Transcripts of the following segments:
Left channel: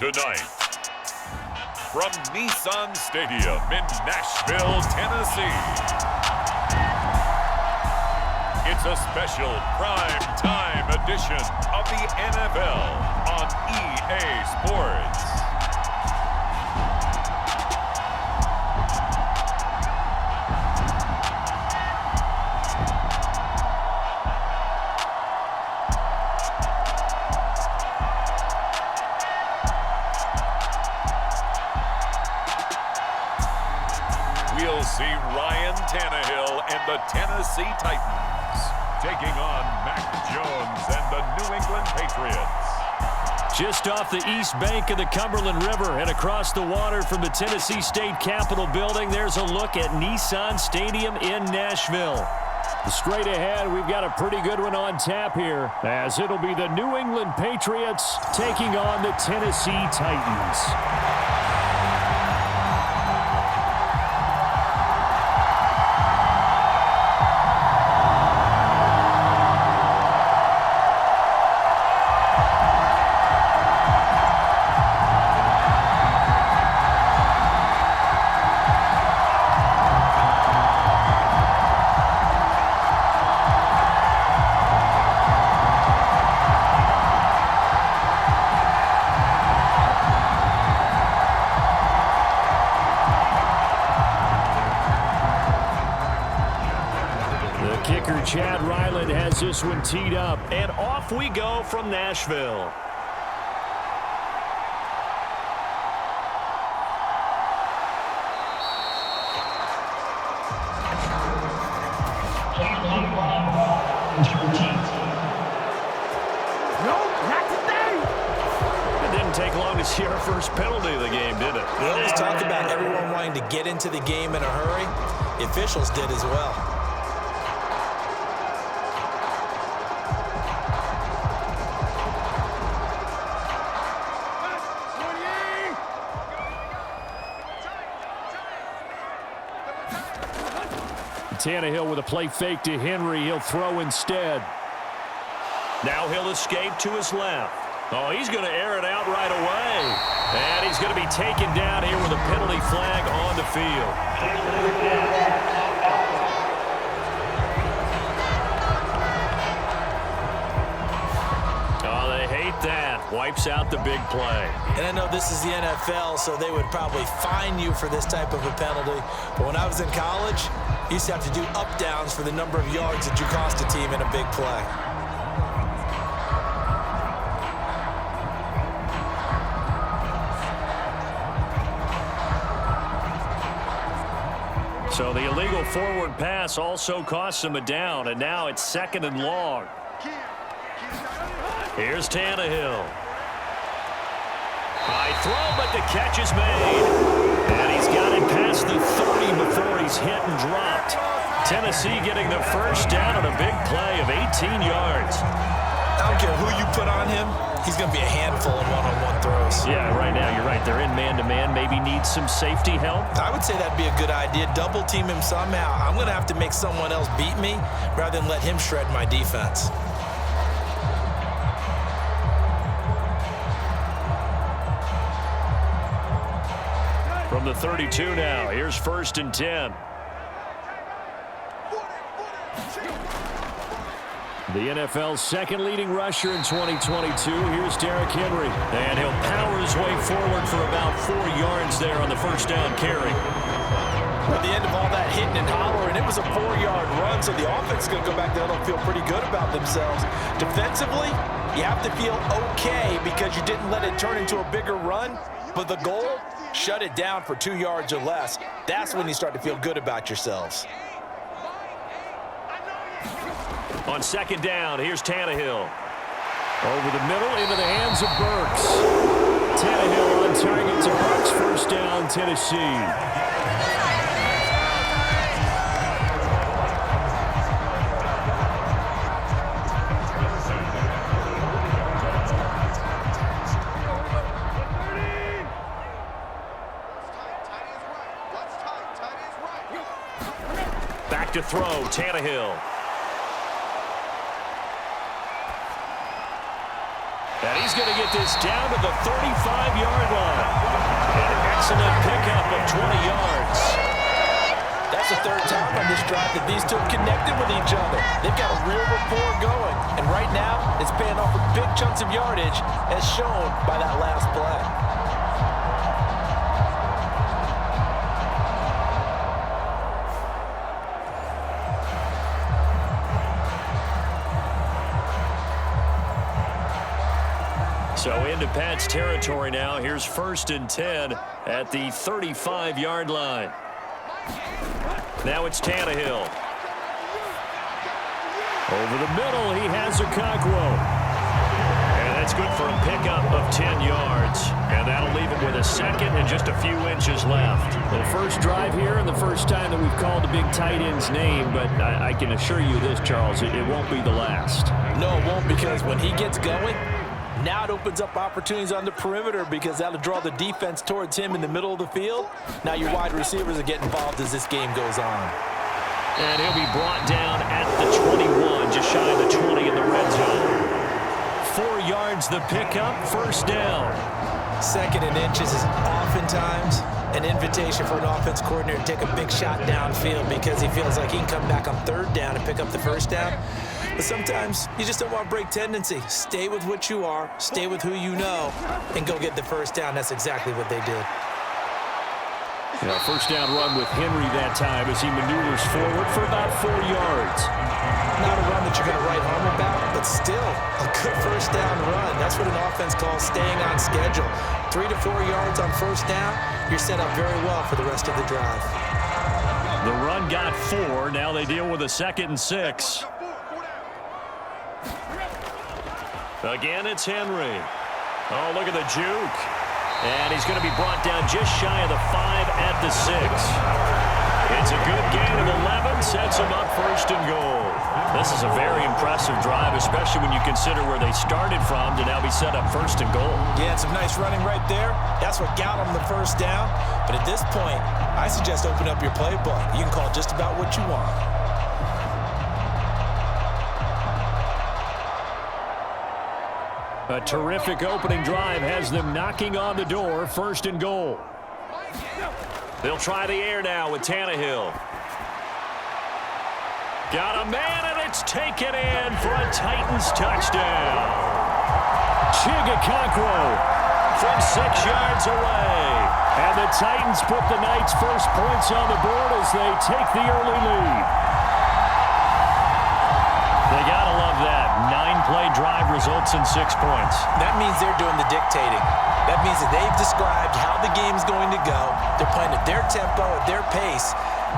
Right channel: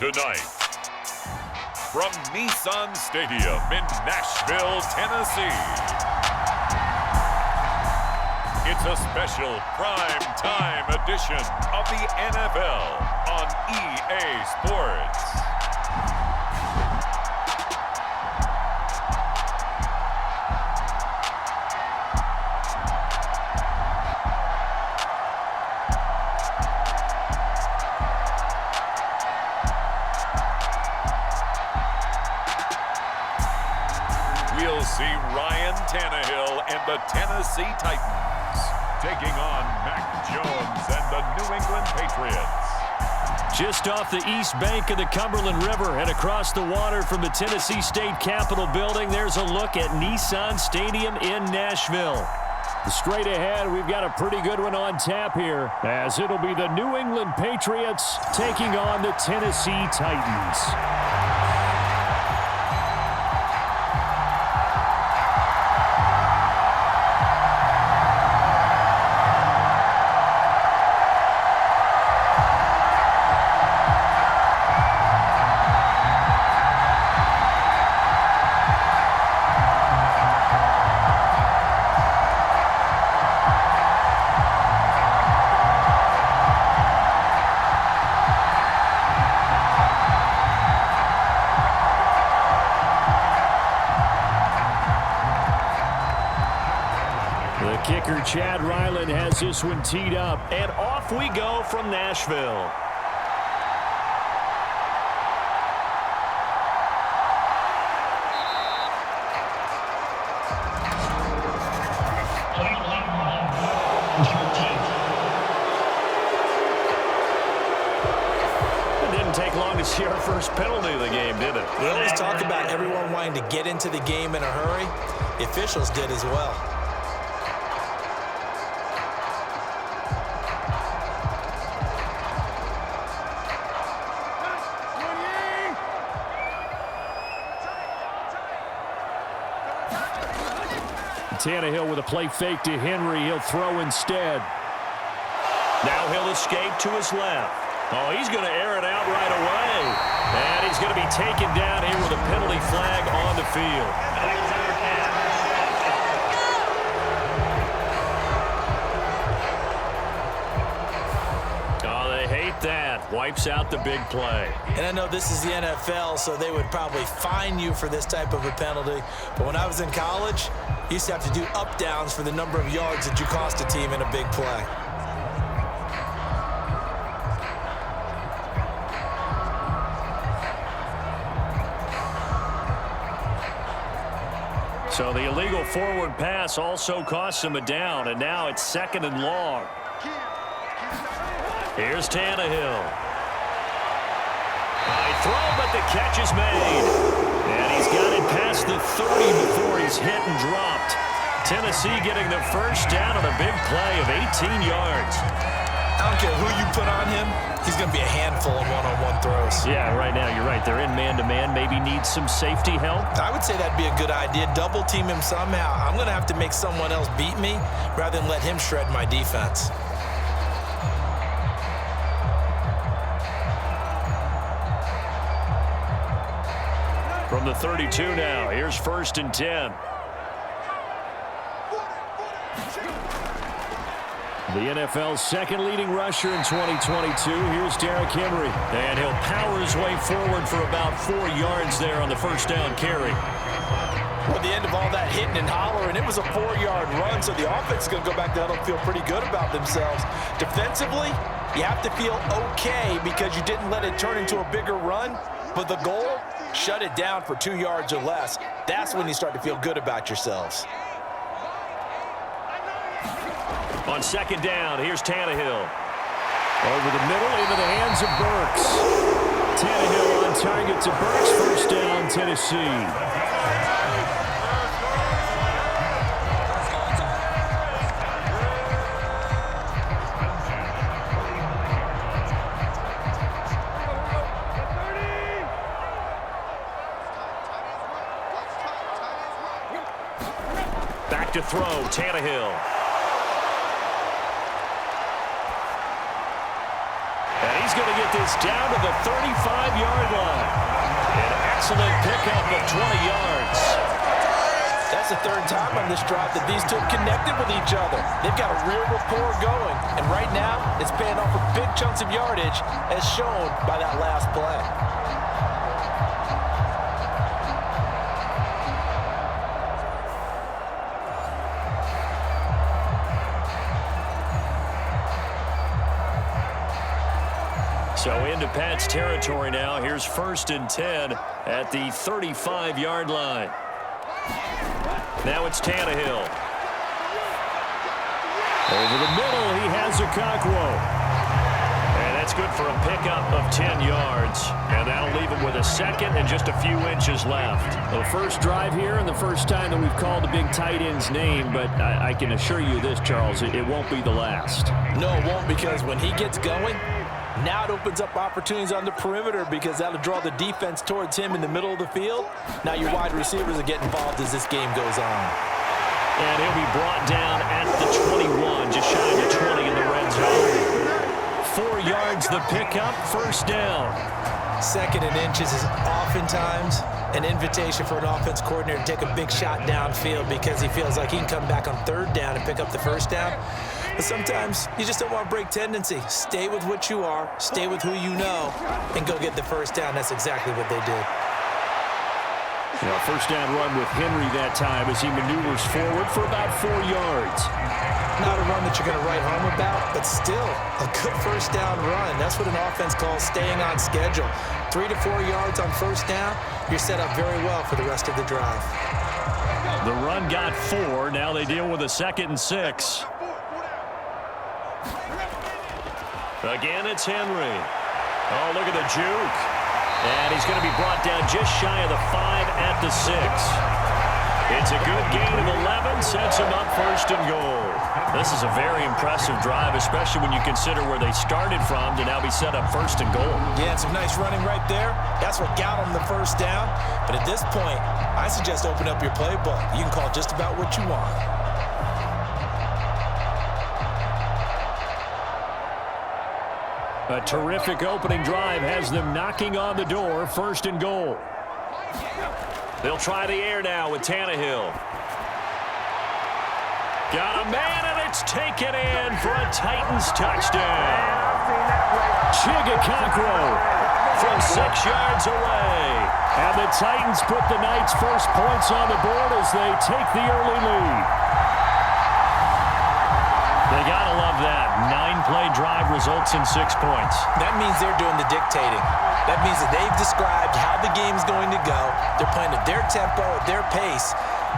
Tonight, from Nissan Stadium in Nashville, Tennessee, it's a special prime time edition of the NFL on EA Sports. We'll see Ryan Tannehill and the Tennessee Titans taking on Mac Jones and the New England Patriots. Just off the east bank of the Cumberland River and across the water from the Tennessee State Capitol building, there's a look at Nissan Stadium in Nashville. Straight ahead, we've got a pretty good one on tap here, as it'll be the New England Patriots taking on the Tennessee Titans. Kicker Chad Ryland has this one teed up, and off we go from Nashville. It didn't take long to see our first penalty of the game, did it? We always talk about everyone wanting to get into the game in a hurry. The officials did as well. Tannehill with a play fake to Henry. He'll throw instead. Now he'll escape to his left. Oh, he's going to air it out right away. And he's going to be taken down here with a penalty flag on the field. Oh, they hate that. Wipes out the big play. And I know this is the NFL, so they would probably fine you for this type of a penalty. But when I was in college, you used to have to do up-downs for the number of yards that you cost a team in a big play. So the illegal forward pass also costs him a down, and now it's 2nd and long. Here's Tannehill. High throw, but the catch is made. And he's got it past the 30 before he's hit and dropped. Tennessee getting the first down on a big play of 18 yards. I don't care who you put on him. He's going to be a handful in one-on-one throws. Yeah, right now you're right. They're in man-to-man. Maybe need some safety help. I would say that'd be a good idea. Double team him somehow. I'm going to have to make someone else beat me rather than let him shred my defense. From the 32 now, here's 1st and 10. The NFL's second leading rusher in 2022. Here's Derrick Henry. And he'll power his way forward for about 4 yards there on the first down carry. Well, at the end of all that hitting and hollering, it was a 4-yard run, so the offense is going to go back to that and feel pretty good about themselves. Defensively, you have to feel okay because you didn't let it turn into a bigger run, but the goal, shut it down for 2 yards or less. That's when you start to feel good about yourselves. On 2nd down, here's Tannehill. Over the middle, into the hands of Burks. Tannehill on target to Burks. First down, Tennessee. Back to throw, Tannehill. And he's going to get this down to the 35-yard line. An excellent pickup of 20 yards. That's the third time on this drive that these two have connected with each other. They've got a real rapport going. And right now, it's paying off with big chunks of yardage, as shown by that last play. So into Pat's territory now. Here's 1st and 10 at the 35-yard line. Now it's Tannehill. Over the middle, he has Okonkwo. And that's good for a pickup of 10 yards. And that'll leave him with a second and just a few inches left. The first drive here and the first time that we've called the big tight end's name, but I can assure you this, Charles, it won't be the last. No, it won't, because when he gets going, now it opens up opportunities on the perimeter, because that'll draw the defense towards him in the middle of the field. Now your wide receivers will get involved as this game goes on. And he'll be brought down at the 21, just shy of the 20 in the red zone. 4 yards the pickup, 1st down. 2nd and inches is oftentimes an invitation for an offense coordinator to take a big shot downfield, because he feels like he can come back on 3rd down and pick up the 1st down. But sometimes you just don't want to break tendency. Stay with what you are, stay with who you know, and go get the 1st down. That's exactly what they did. Yeah, 1st down run with Henry that time as he maneuvers forward for about 4 yards. Not a run that you're going to write home about, but still a good 1st down run. That's what an offense calls staying on schedule. 3 to 4 yards on 1st down, you're set up very well for the rest of the drive. The run got 4. Now they deal with a 2nd and 6. Again, it's Henry. Oh, look at the juke. And he's going to be brought down just shy of the 5 at the 6. It's a good gain of 11, sets him up 1st and goal. This is a very impressive drive, especially when you consider where they started from to now be set up 1st and goal. Yeah, and some nice running right there. That's what got them the 1st down. But at this point, I suggest open up your playbook. You can call just about what you want. A terrific opening drive has them knocking on the door, 1st and goal. They'll try the air now with Tannehill. Got a man, and it's taken in for a Titans touchdown. Okonkwo from 6 yards away. And the Titans put the Knights' first points on the board as they take the early lead. They got to love that. 9-play drive results in 6 points. That means they're doing the dictating. That means that they've described how the game's going to go. They're playing at their tempo, at their pace.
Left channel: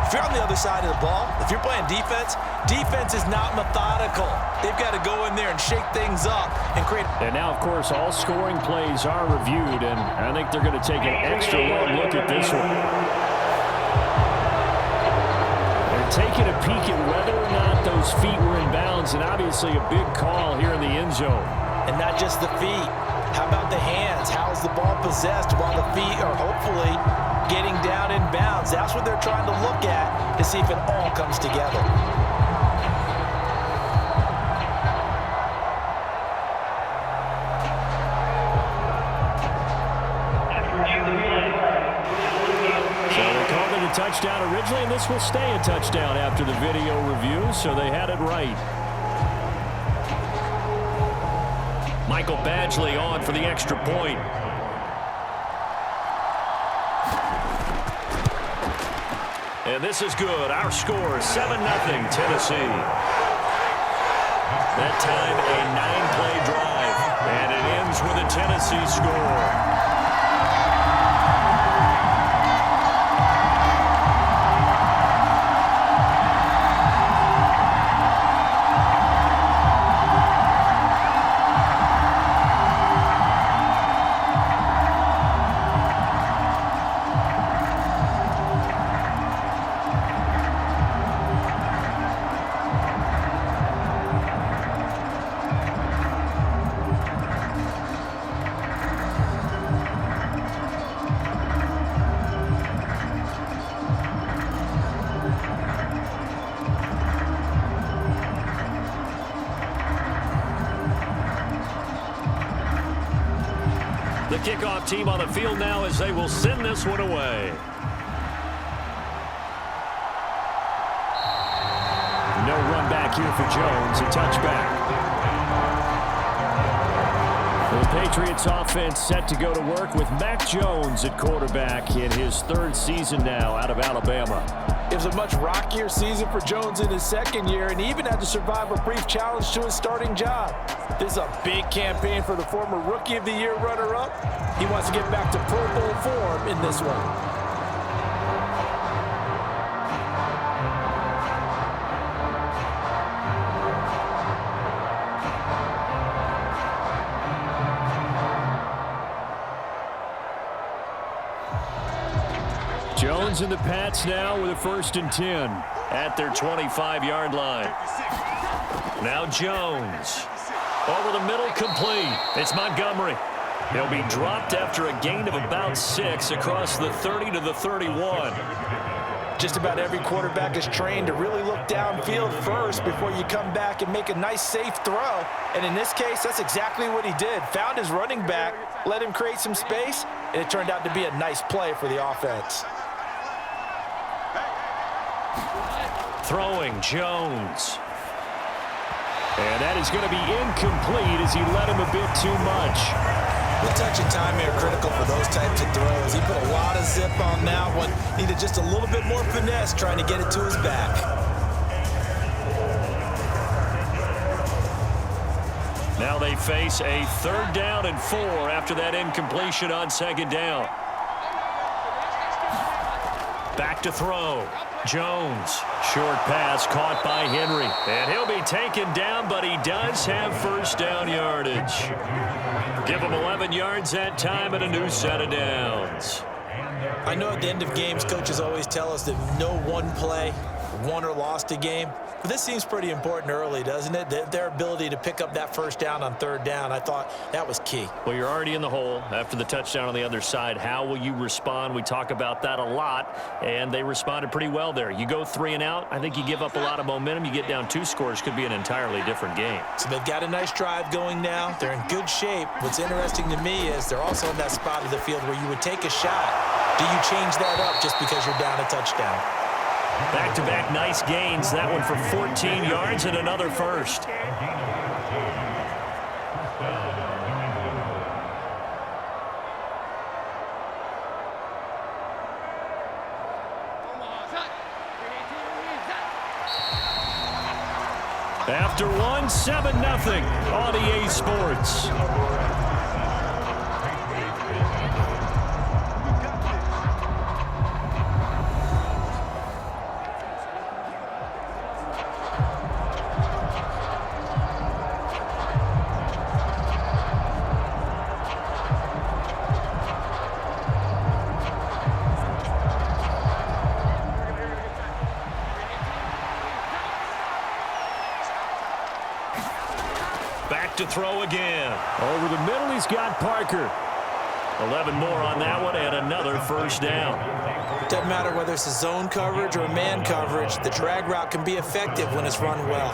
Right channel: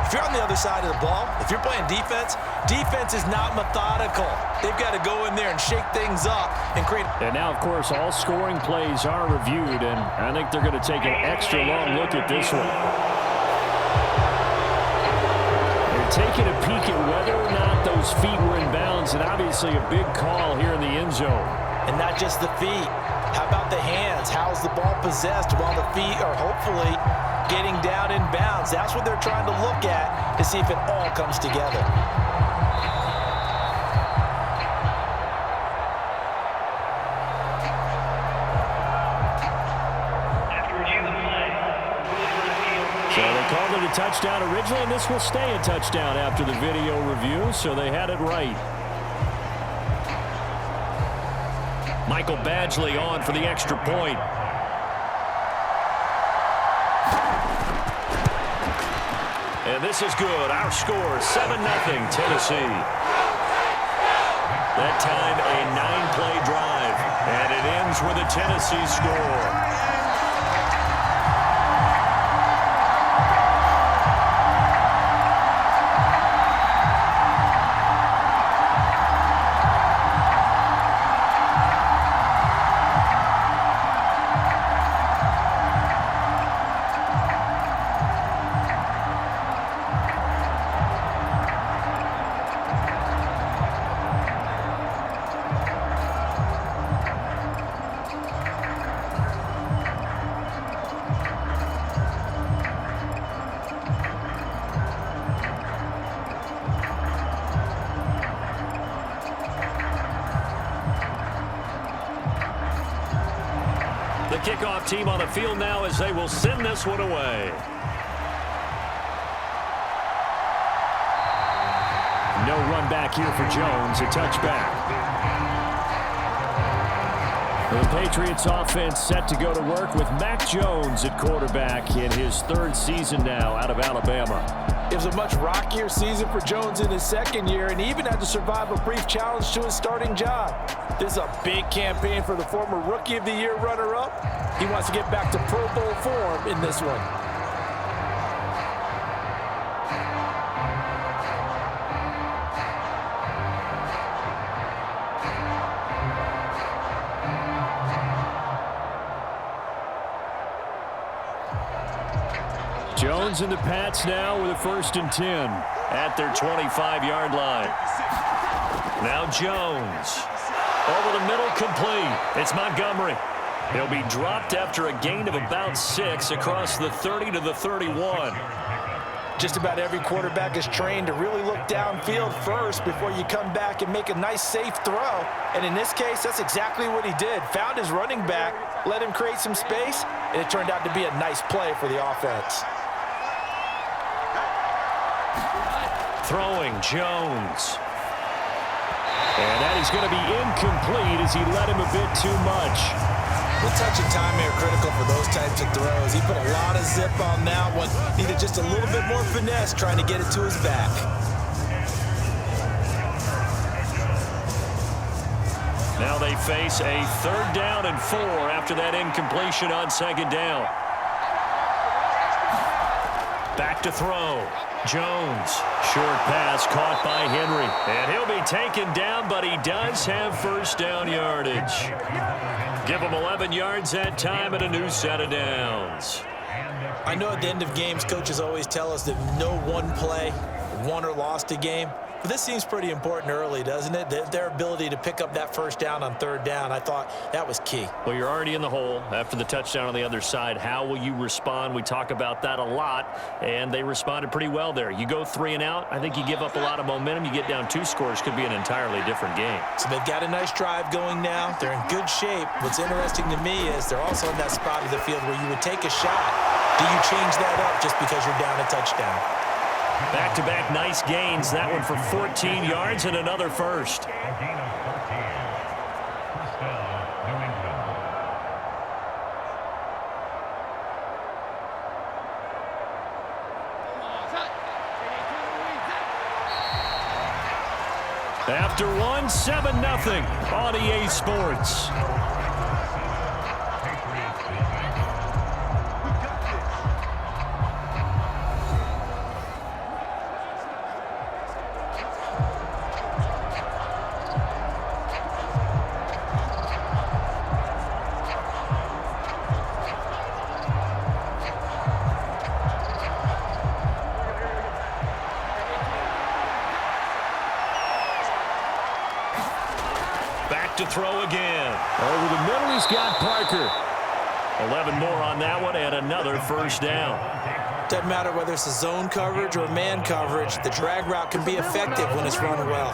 If you're on the other side of the ball, if you're playing defense, defense is not methodical. They've got to go in there and shake things up and create. And now, of course, all scoring plays are reviewed, and I think they're going to take an extra long look at this one. Taking a peek at whether or not those feet were in bounds, and obviously a big call here in the end zone. And not just the feet. How about the hands? How's the ball possessed while the feet are hopefully getting down in bounds? That's what they're trying to look at to see if it all comes together. So they called it a touchdown originally, and this will stay a touchdown after the video review, so they had it right. Michael Badgley on for the extra point. And this is good. Our score, 7-0 Tennessee. That time a 9-play drive, and it ends with a Tennessee score. The kickoff team on the field now as they will send this one away. No run back here for Jones. A touchback. The Patriots offense set to go to work with Mac Jones at quarterback in his 3rd season now out of Alabama. It was a much rockier season for Jones in his 2nd year, and he even had to survive a brief challenge to his starting job. This is a big campaign for the former Rookie of the Year runner-up. He wants to get back to Pro Bowl form in this one. Jones and the Pats now with a 1st and 10 at their 25-yard line. Now Jones. Over the middle, complete. It's Montgomery. He'll be dropped after a gain of about 6 across the 30 to the 31. Just about every quarterback is trained to really look downfield first before you come back and make a nice, safe throw. And in this case, that's exactly what he did. Found his running back, let him create some space, and it turned out to be a nice play for the offense. Throwing Jones. And that is going to be incomplete as he led him a bit too much. Well, touch and timing are critical for those types of throws. He put a lot of zip on that one. Needed just a little bit more finesse trying to get it to his back. Now they face a 3rd down and 4 after that incompletion on 2nd down. Back to throw. Jones. Short pass caught by Henry. And he'll be taken down, but he does have 1st down yardage. Give him 11 yards that time and a new set of downs. I know at the end of games, coaches always tell us that no one play won or lost a game. But this seems pretty important early, doesn't it? Their ability to pick up that 1st down on 3rd down, I thought that was key. Well, you're already in the hole after the touchdown on the other side. How will you respond? We talk about that a lot, and they responded pretty well there. You go 3 and out, I think you give up a lot of momentum. You get down 2 scores, could be an entirely different game. So they've got a nice drive going now. They're in good shape. What's interesting to me is they're also in that spot of the field where you would take a shot. Do you change that up just because you're down a touchdown? Back-to-back nice gains. That one for 14 yards and another 1st. After one, 7-0 on EA Sports. Back to throw again. Over the middle, he's got Parker. 11 more on that one and another 1st down. Doesn't matter whether it's a zone coverage or man coverage, the drag route can be effective when it's run well.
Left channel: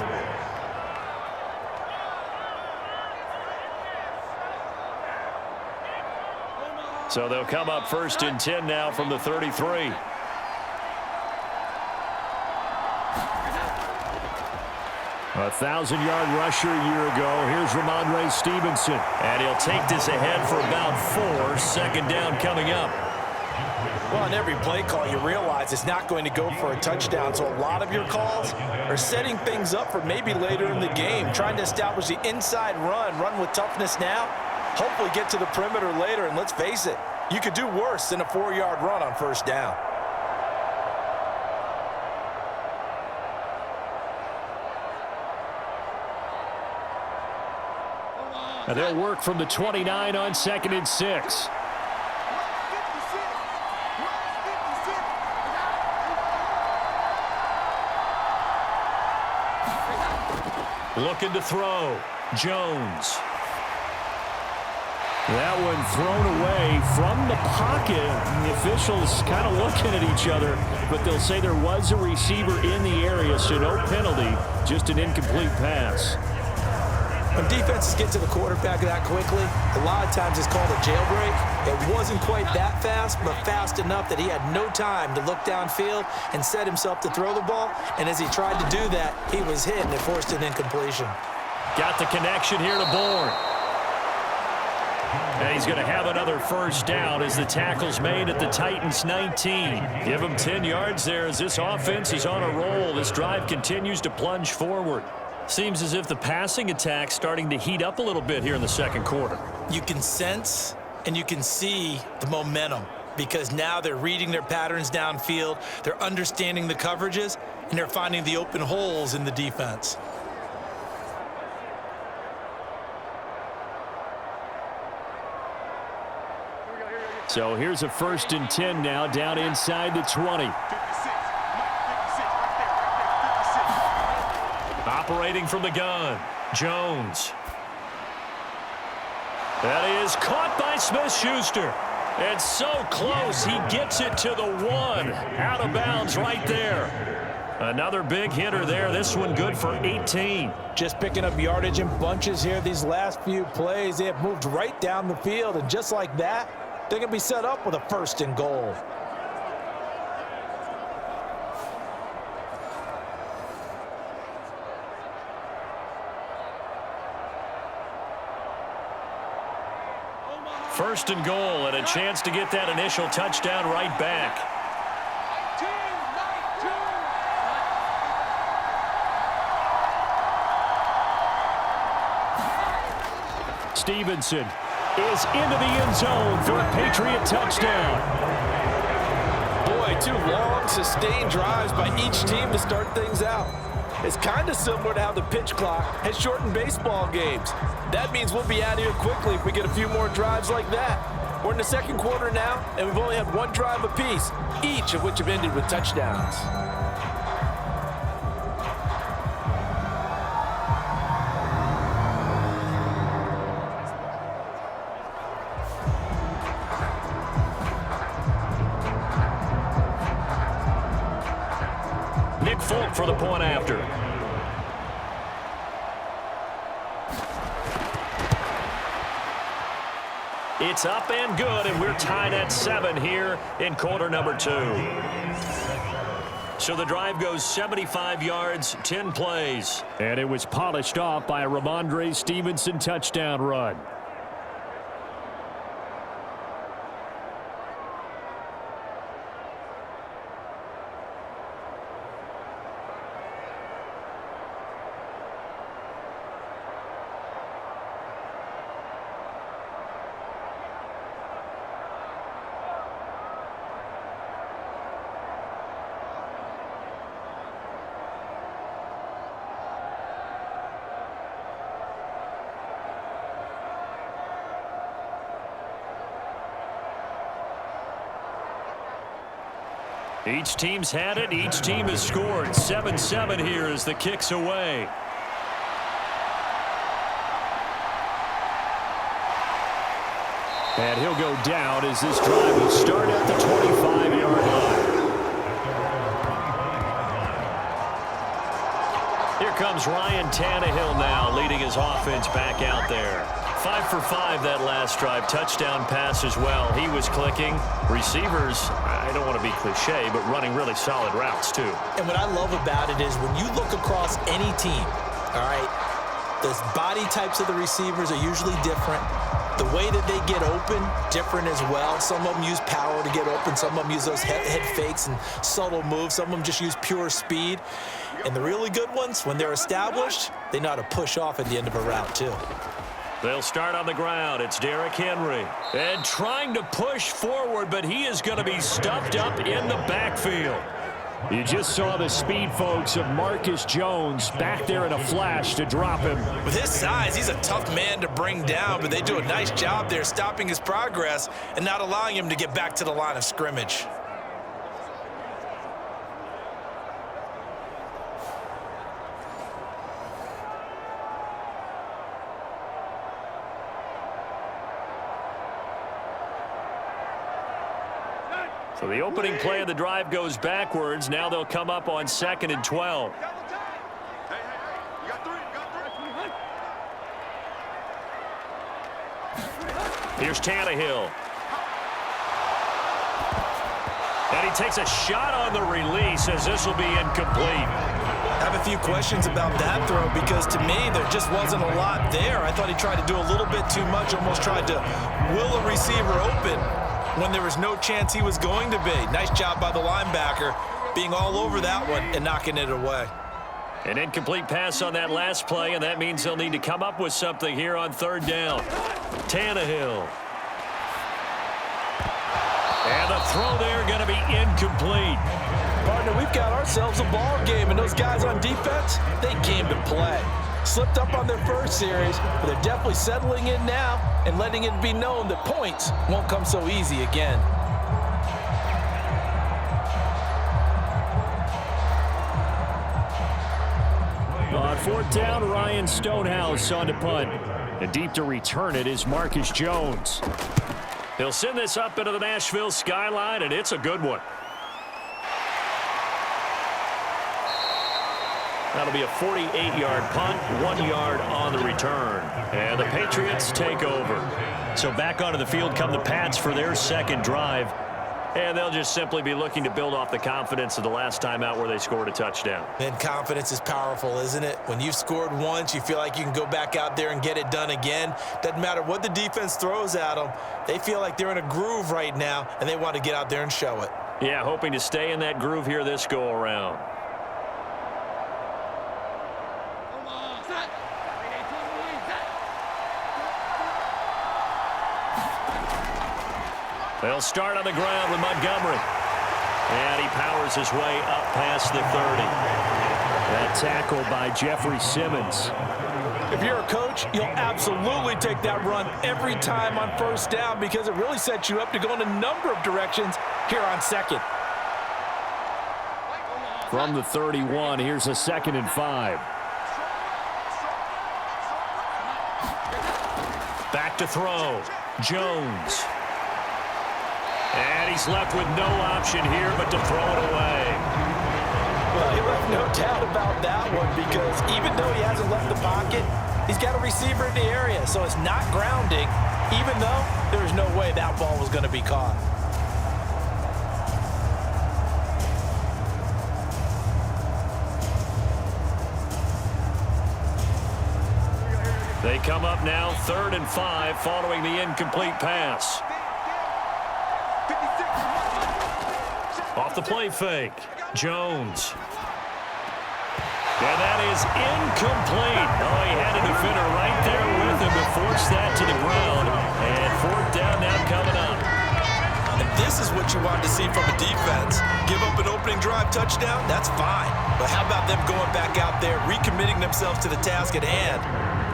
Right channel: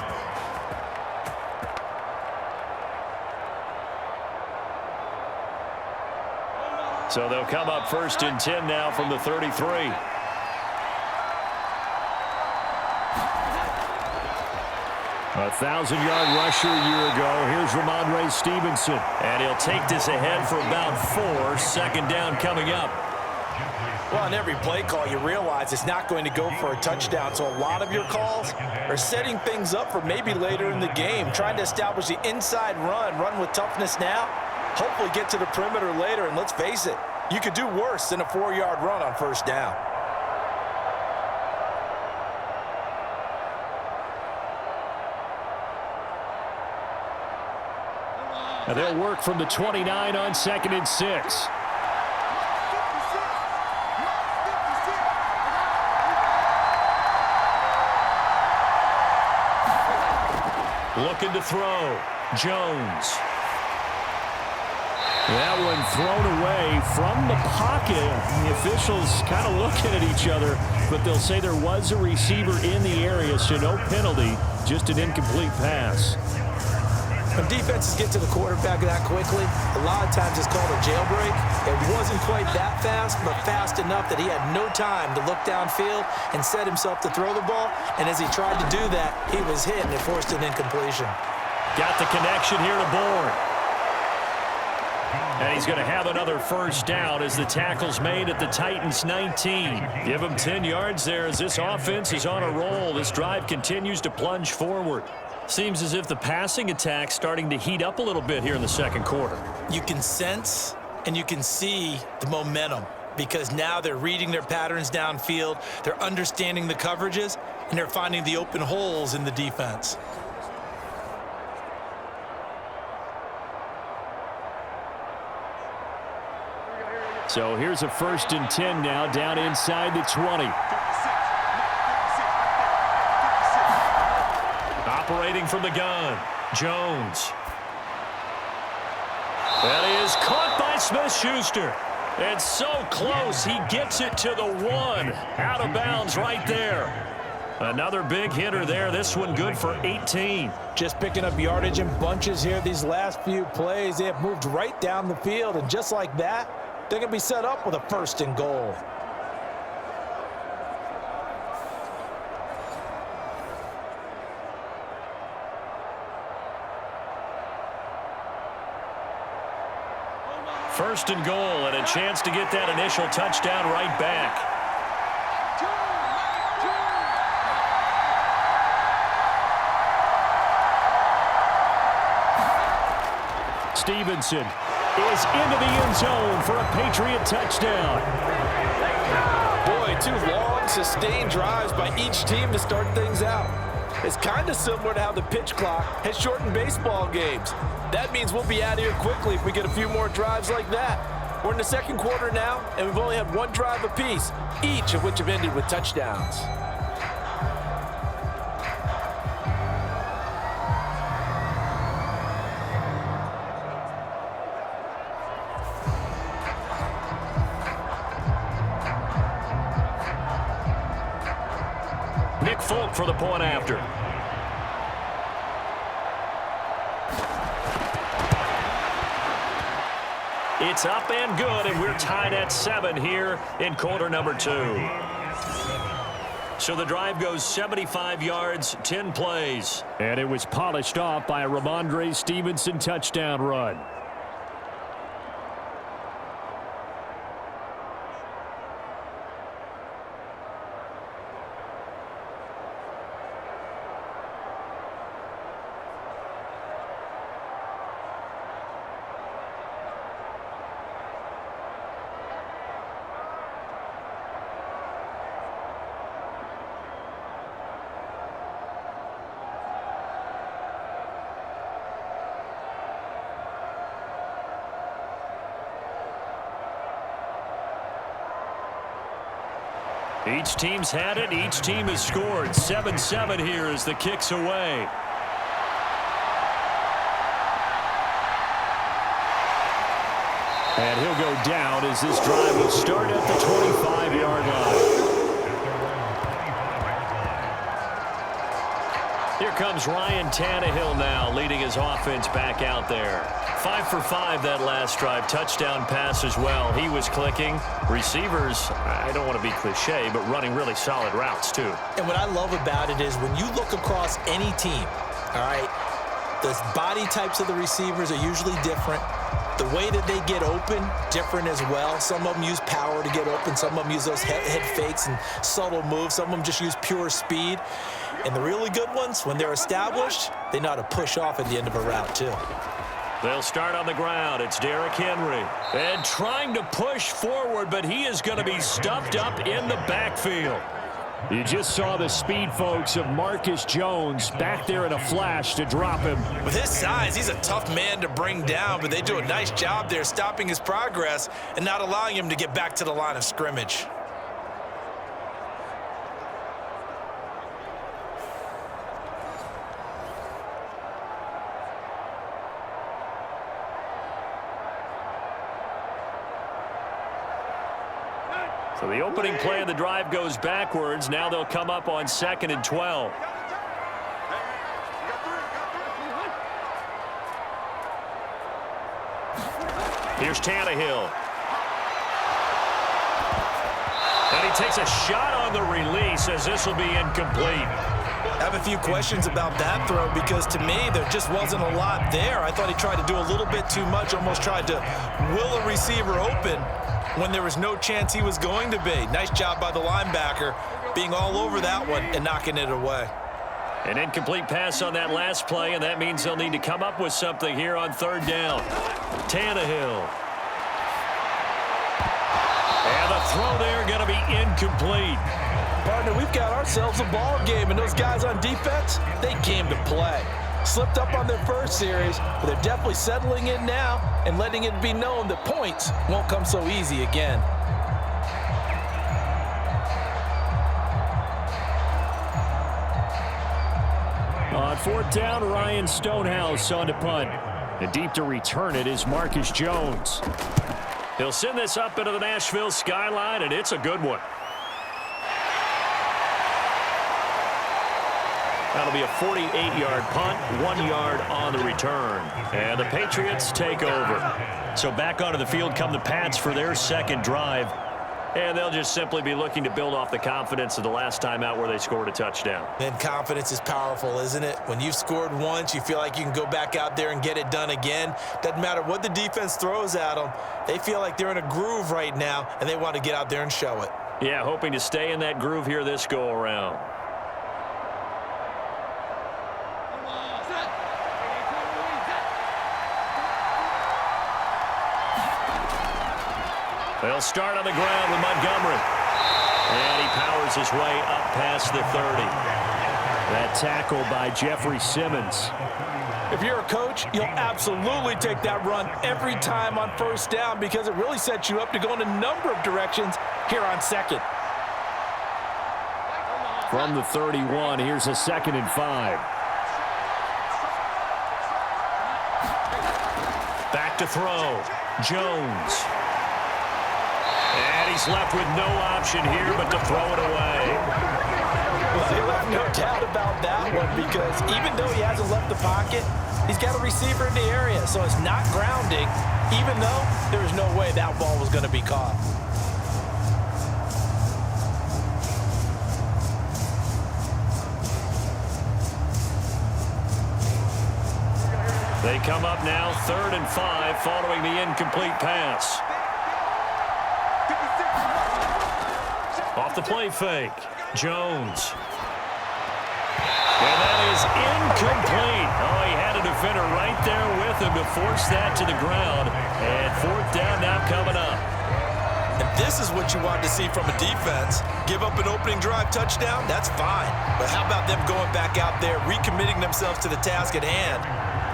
So they'll come up 1st and 10 now from the 33. A 1,000-yard rusher a year ago. Here's Ramondre Stevenson. And he'll take this ahead for about 4. 2nd down coming up. Well, on every play call, you realize it's not going to go for a touchdown. So a lot of your calls are setting things up for maybe later in the game, trying to establish the inside run with toughness now, hopefully get to the perimeter later. And let's face it, you could do worse than a 4-yard run on 1st down. And they'll work from the 29 on 2nd and 6. Looking to throw. Jones. That one thrown away from the pocket. The officials kind of looking at each other, but they'll say there was a receiver in the area, so no penalty, just an incomplete pass. When defenses get to the quarterback that quickly, a lot of times it's called a jailbreak. It wasn't quite that fast, but fast enough that he had no time to look downfield and set himself to throw the ball. And as he tried to do that, he was hit and it forced an incompletion. Got the connection here to Bourne. And he's going to have another first down as the tackle's made at the Titans' 19. Give him 10 yards there as this offense is on a roll. This drive continues to plunge forward. Seems as if the passing attack's starting to heat up a little bit here in the second quarter. You can sense and you can see the momentum because now they're reading their patterns downfield, they're understanding the coverages, and they're finding the open holes in the defense. So here's a 1st and 10 now down inside the 20. Operating from the gun, Jones. That is caught by Smith-Schuster. It's so close, he gets it to the 1. Out of bounds right there. Another big hitter there, this one good for 18. Just picking up yardage in bunches here these last few plays. They have moved right down the field, and just like that, they're going to be set up with a 1st and goal. First and goal, and a chance to get that initial touchdown right back. Stevenson is into the end zone for a Patriot touchdown. Boy, 2 long, sustained drives by each team to start things out. It's kind of similar to how the pitch clock has shortened baseball games. That means we'll be out of here quickly if we get a few more drives like that. We're in the second quarter now, and we've only had 1 drive apiece, each of which have ended with touchdowns. Folk for the point after. It's up and good, and we're tied at 7 here in quarter number 2. So the drive goes 75 yards, 10 plays. And it was polished off by a Ramondre Stevenson touchdown run. Each team's had it. Each team has scored. 7-7 here as the kick's away. And he'll go down as this drive will start at the 25-yard line. Here comes Ryan Tannehill now, leading his offense back out there. 5 for 5 that last drive. Touchdown pass as well. He was clicking. Receivers, I don't want to be cliche, but running really solid routes too. And what I love about it is when you look across any team, all right, the body types of the receivers are usually different. The way that they get open, different as well. Some of them use power to get open. Some of them use those head fakes and subtle moves. Some of them just use pure speed. And the really good ones, when they're established, they know how to push off at the end of a route too. They'll start on the ground. It's Derrick Henry. And trying to push forward, but he is going to be stuffed up in the backfield. You just saw the speed, folks, of Marcus Jones back there in a flash to drop him. With his size, he's a tough man to bring down, but they do a nice job there stopping his progress and not allowing him to get back to the line of scrimmage. So the opening play of the drive goes backwards. Now they'll come up on 2nd and 12. Here's Tannehill. And he takes a shot on the release as this will be incomplete. I have a few questions about that throw because to me there just wasn't a lot there. I thought he tried to do a little bit too much, almost tried to will a receiver open when there was no chance he was going to be. Nice job by the linebacker being all over that one and knocking it away. An incomplete pass on that last play, and that means they'll need to come up with something here on third down. Tannehill. And the throw there going to be incomplete. Partner, we've got ourselves a ball game, and those guys on defense, they came to play. Slipped up on their first series, but they're definitely settling in now and letting it be known that points won't come so easy again. On fourth down, Ryan Stonehouse on to punt. And deep to return it is Marcus Jones. He'll send this up into the Nashville skyline, and it's a good one. That'll be a 48-yard punt, 1 yard on the return. And the Patriots take over. So back onto the field come the Pats for their second drive. And they'll just simply be looking to build off the confidence of the last time out where they scored a touchdown. And confidence is powerful, isn't it? When you've scored once, you feel like you can go back out there and get it done again. Doesn't matter what the defense throws at them. They feel like they're in a groove right now, and they want to get out there and show it. Yeah, hoping to stay in that groove here this go-around. They'll start on the ground with Montgomery. And he powers his way up past the 30. That tackle by Jeffrey Simmons. If you're a coach, you'll absolutely take that run every time on first down because it really sets you up to go in a number of directions here on second. From the 31, here's a 2nd and 5. Back to throw. Jones. And he's left with no option here but to throw it away. Well, he left no doubt about that one because even though he hasn't left the pocket, he's got a receiver in the area, so it's not grounding, even though there was no way that ball was going to be caught. They come up now 3rd and 5 following the incomplete pass. Off the play fake, Jones. And that is incomplete. Oh, he had a defender right there with him to force that to the ground. And 4th down now coming up. And this is what you want to see from a defense. Give up an opening drive touchdown, that's fine. But how about them going back out there, recommitting themselves to the task at hand,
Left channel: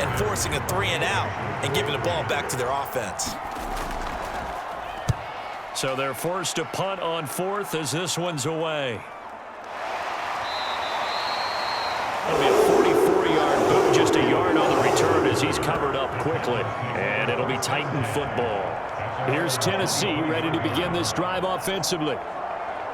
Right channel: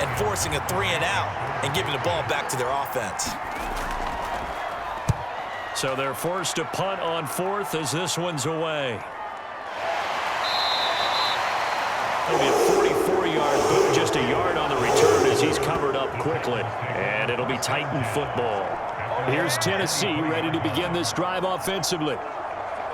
and forcing a 3-and-out and giving the ball back to their offense. So they're forced to punt on 4th as this one's away. That'll be a 44-yard boot, just a yard on the return as he's covered up quickly. And it'll be Titan football. Here's Tennessee ready to begin this drive offensively.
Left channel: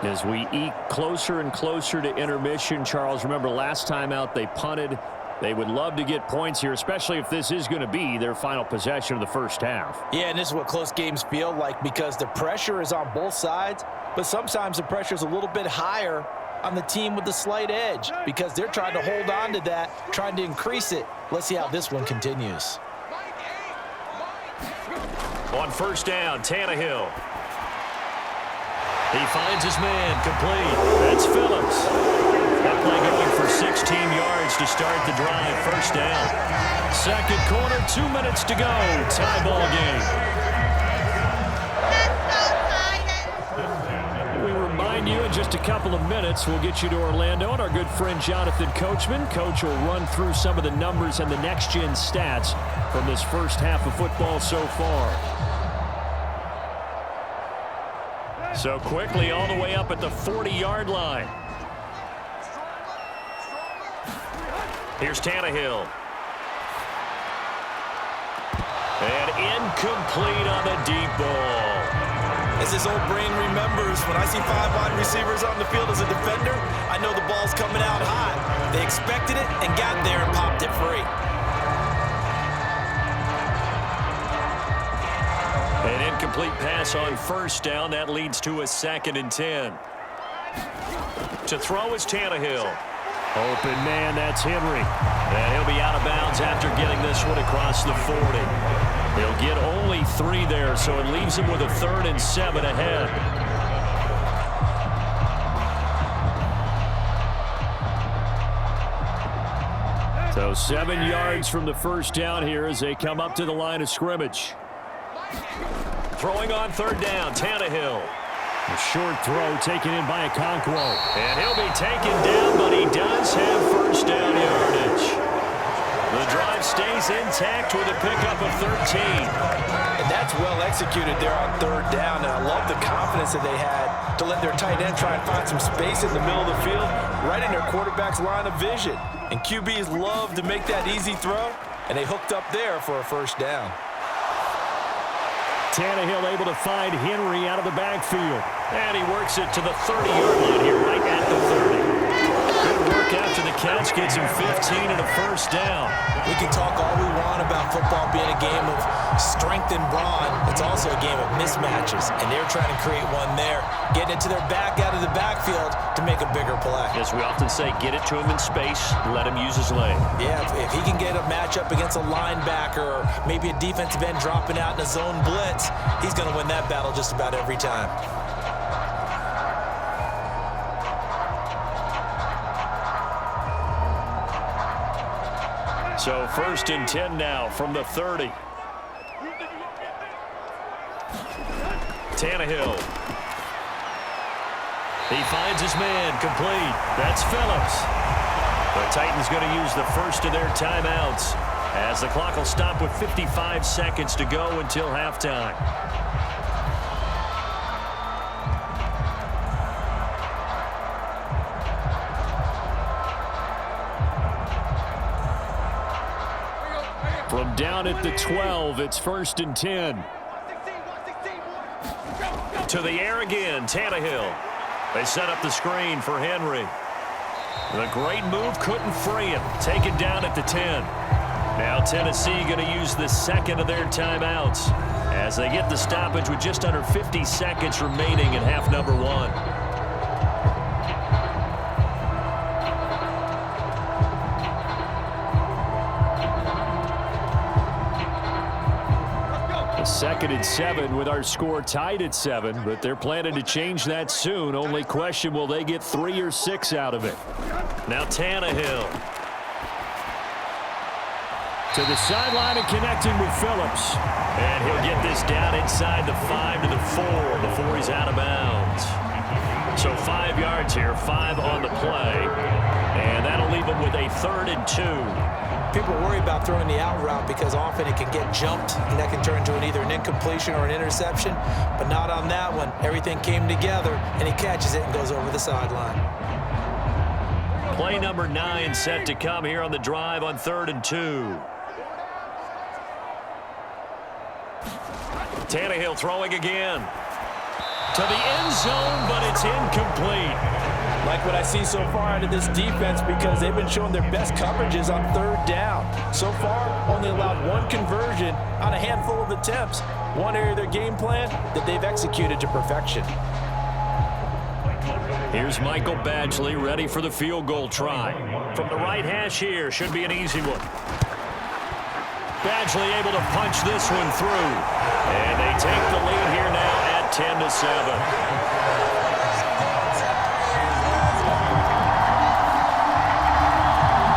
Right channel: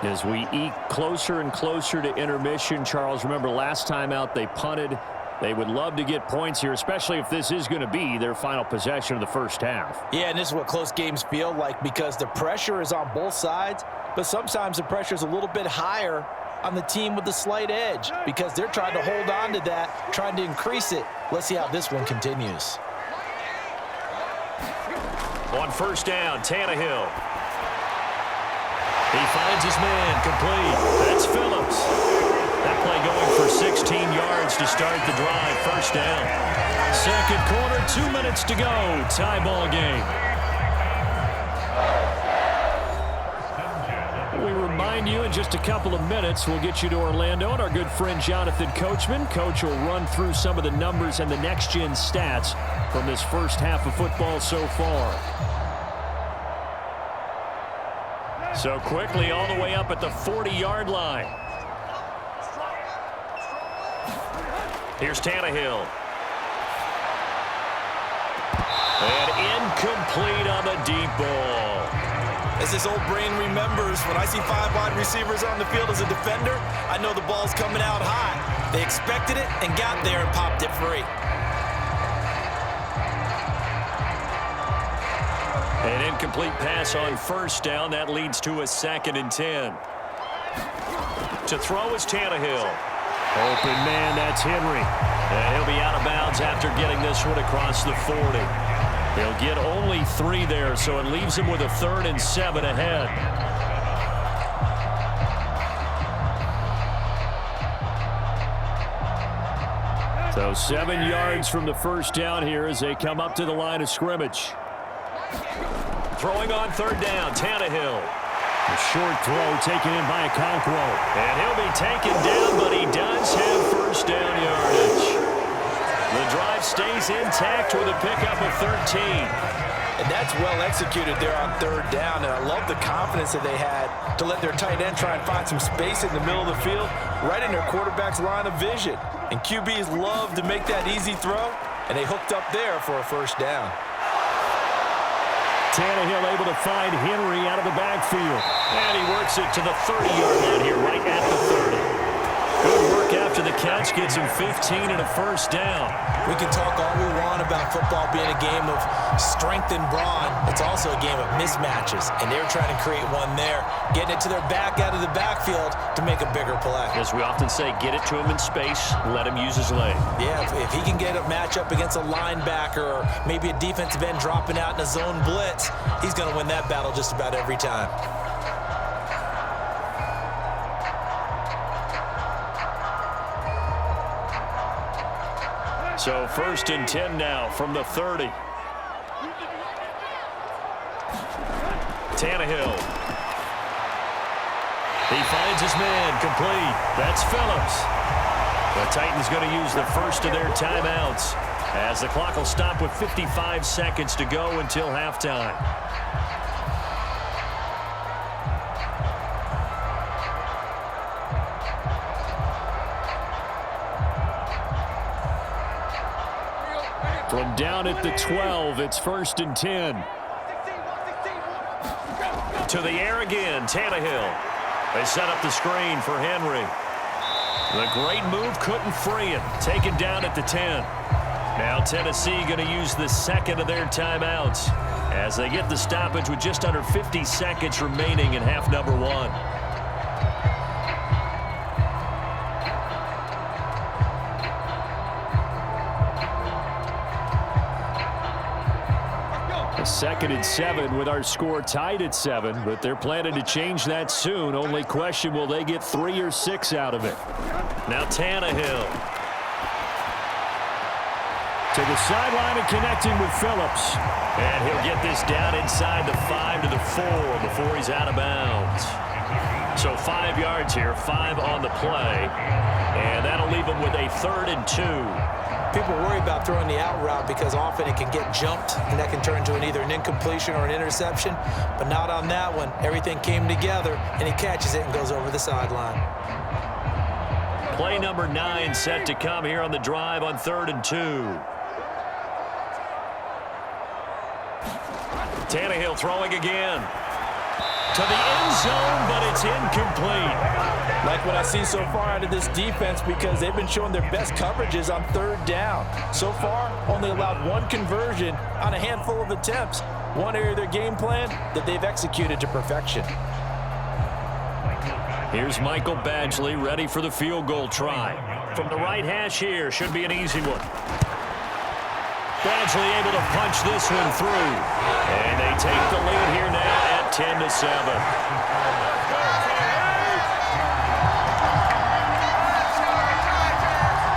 As we eke closer and closer to intermission, Charles, remember last time out they punted. They would love to get points here, especially if this is going to be their final possession of the first half. Yeah, and this is what close games feel like because the pressure is on both sides, but sometimes the pressure is a little bit higher on the team with the slight edge because they're trying to hold on to that, trying to increase it. Let's see how this one continues. On first down, Tannehill. He finds his man, complete. That's Phillips. That play going for 16 yards to start the drive. First down. Second quarter, 2 minutes to go. Tie ball game. We remind you in just a couple of minutes, we'll get you to Orlando and our good friend Jonathan Coachman. Coach will run through some of the numbers and the next-gen stats from this first half of football so far. So quickly all the way up at the 40-yard line. Here's Tannehill. And incomplete on the deep ball. As his old brain remembers, when I see 5 wide receivers on the field as a defender, I know the ball's coming out hot. They expected it and got there and popped it free. An incomplete pass on first down. That leads to a 2nd and 10. To throw is Tannehill. Open man, that's Henry. And he'll be out of bounds after getting this one across the 40. He'll get only 3 there, so it leaves him with a 3rd and 7 ahead. So 7 yards from the first down here as they come up to the line of scrimmage. Throwing on 3rd down, Tannehill. A short throw taken in by Okonkwo. And he'll be taken down, but he does have first down yardage. The drive stays intact with a pickup of 13. And that's well executed there on 3rd down. And I love the confidence that they had to let their tight end try and find some space in the middle of the field, right in their quarterback's line of vision. And QBs love to make that easy throw, and they hooked up there for a first down. Tannehill able to find Henry out of the backfield. And he works it to the 30-yard line here, right at the 30. Good work after the catch, gets him 15 and a first down. We can talk all we want about football being a game of strength and brawn. It's also a game of mismatches, and they're trying to create one there, getting it to their back out of the backfield to make a bigger play. As we often say, get it to him in space, let him use his leg. Yeah, if he can get a matchup against a linebacker or maybe a defensive end dropping out in a zone blitz, he's going to win that battle just about every time. So 1st and 10 now from the 30. Tannehill. He finds his man, complete. That's Phillips. The Titans going to use the first of their timeouts as the clock will stop with 55 seconds to go until halftime. From down at the 12, it's 1st and 10. To the air again, Tannehill. They set up the screen for Henry. The great move couldn't free him. Taken down at the 10. Now Tennessee going to use the 2nd of their timeouts as they get the stoppage with just under 50 seconds remaining in half number 1. A 2nd and 7 with our score tied at 7, but they're planning to change that soon. Only question, will they get 3 or 6 out of it? Now Tannehill. To the sideline and connecting with Phillips. And he'll get this down inside the 5 to the 4 before he's out of bounds. So 5 yards here, 5 on the play. And that'll leave him with a 3rd and 2. People worry about throwing the out route because often it can get jumped, and that can turn into either an incompletion or an interception. But not on that one. Everything came together, and he catches it and goes over the sideline. Play number 9 set to come here on the drive on 3rd and 2. Tannehill throwing again. To the end zone, but it's incomplete. Like what I see so far out of this defense, because they've been showing their best coverages on 3rd down. So far, only allowed 1 conversion on a handful of attempts. One area of their game plan that they've executed to perfection. Here's Michael Badgley ready for the field goal try. From the right hash here, should be an easy one. Badgley able to punch this one through. And they take the lead here now at 10 to 7.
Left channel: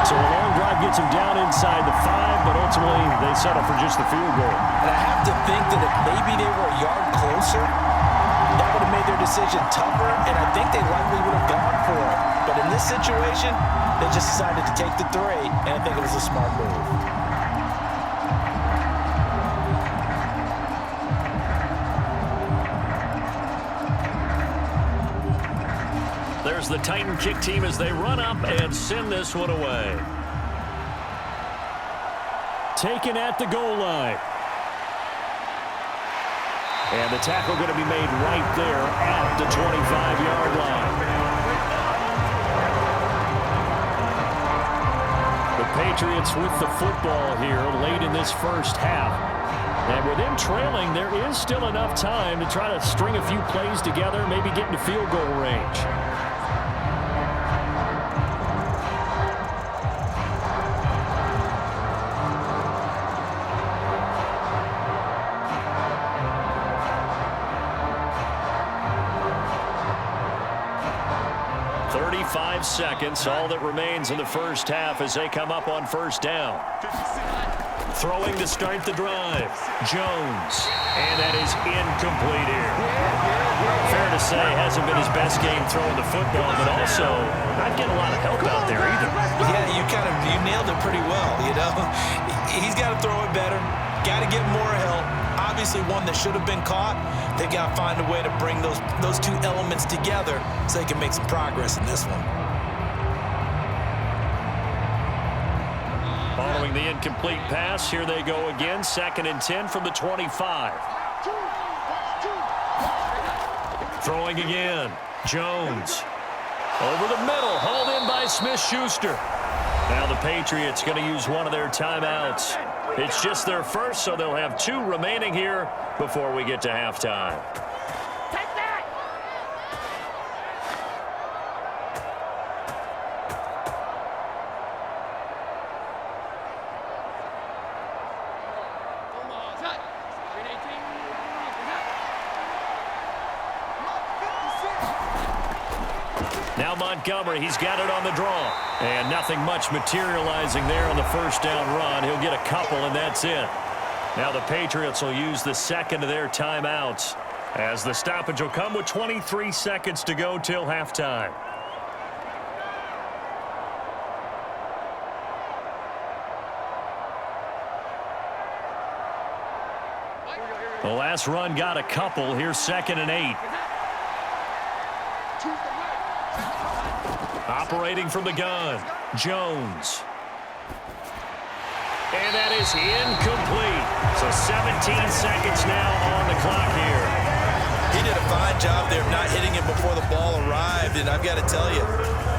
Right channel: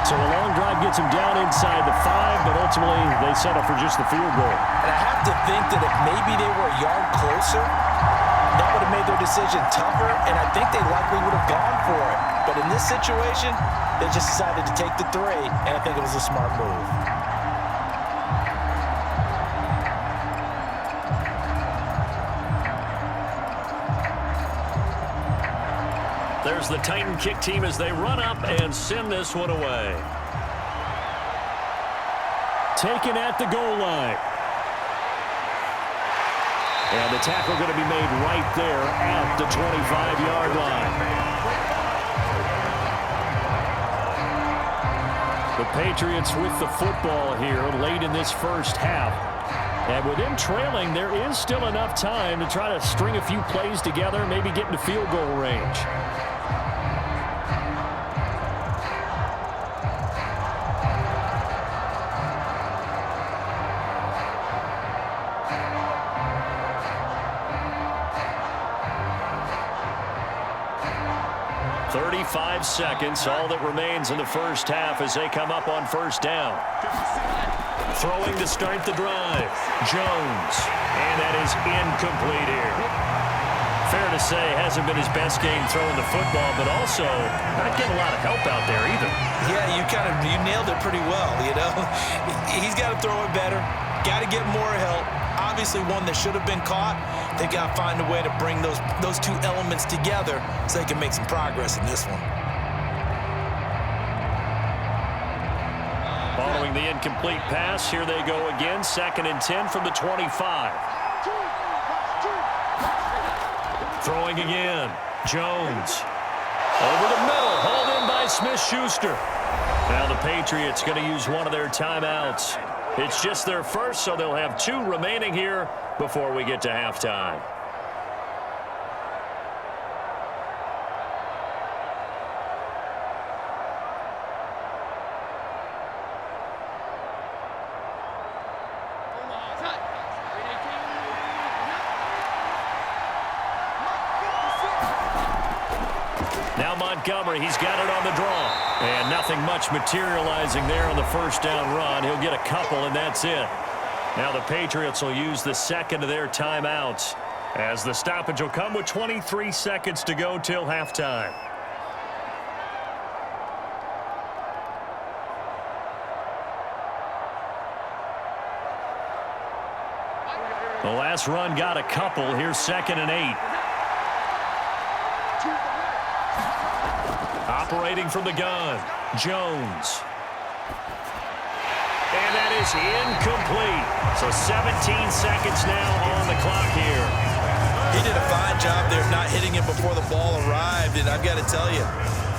So a long drive gets them down inside the 5, but ultimately they settle for just the field goal. And I have to think that if maybe they were a yard closer, that would have made their decision tougher, and I think they likely would have gone for it. But in this situation, they just decided to take the 3, and I think it was a smart move. There's the Titan kick team as they run up and send this one away. Taken at the goal line. And the tackle going to be made right there at the 25-yard line. The Patriots with the football here late in this first half. And with them trailing, there is still enough time to try to string a few plays together, maybe get into field goal range. "35 seconds, all that remains in the first half as they come up on first down. Throwing to start the drive, Jones. And that is incomplete here. Fair to say, hasn't been his best game throwing the football, but also not getting a lot of help out there either. Yeah, you nailed it pretty well, you know. He's got to throw it better, got to get more help. Obviously one that should have been caught. They've got to find a way to bring those two elements together so they can make some progress in this one. Following the incomplete pass, here they go again. 2nd and 10 from the 25. Throwing again. Jones. Over the middle. Hauled in by Smith-Schuster. Now the Patriots going to use one of their timeouts. It's just their first, so they'll have 2 remaining here before we get to halftime. Now Montgomery, he's got it on the draw. And nothing much materializing there on the first down run. He'll get a couple, and that's it. Now the Patriots will use the second of their timeouts, as the stoppage will come with 23 seconds to go till halftime. The last run got a couple. Here's 2nd and 8. Operating from the gun, Jones. And that is incomplete. So 17 seconds now on the clock here. He did a fine job there of not hitting him before the ball arrived, and I've got to tell you,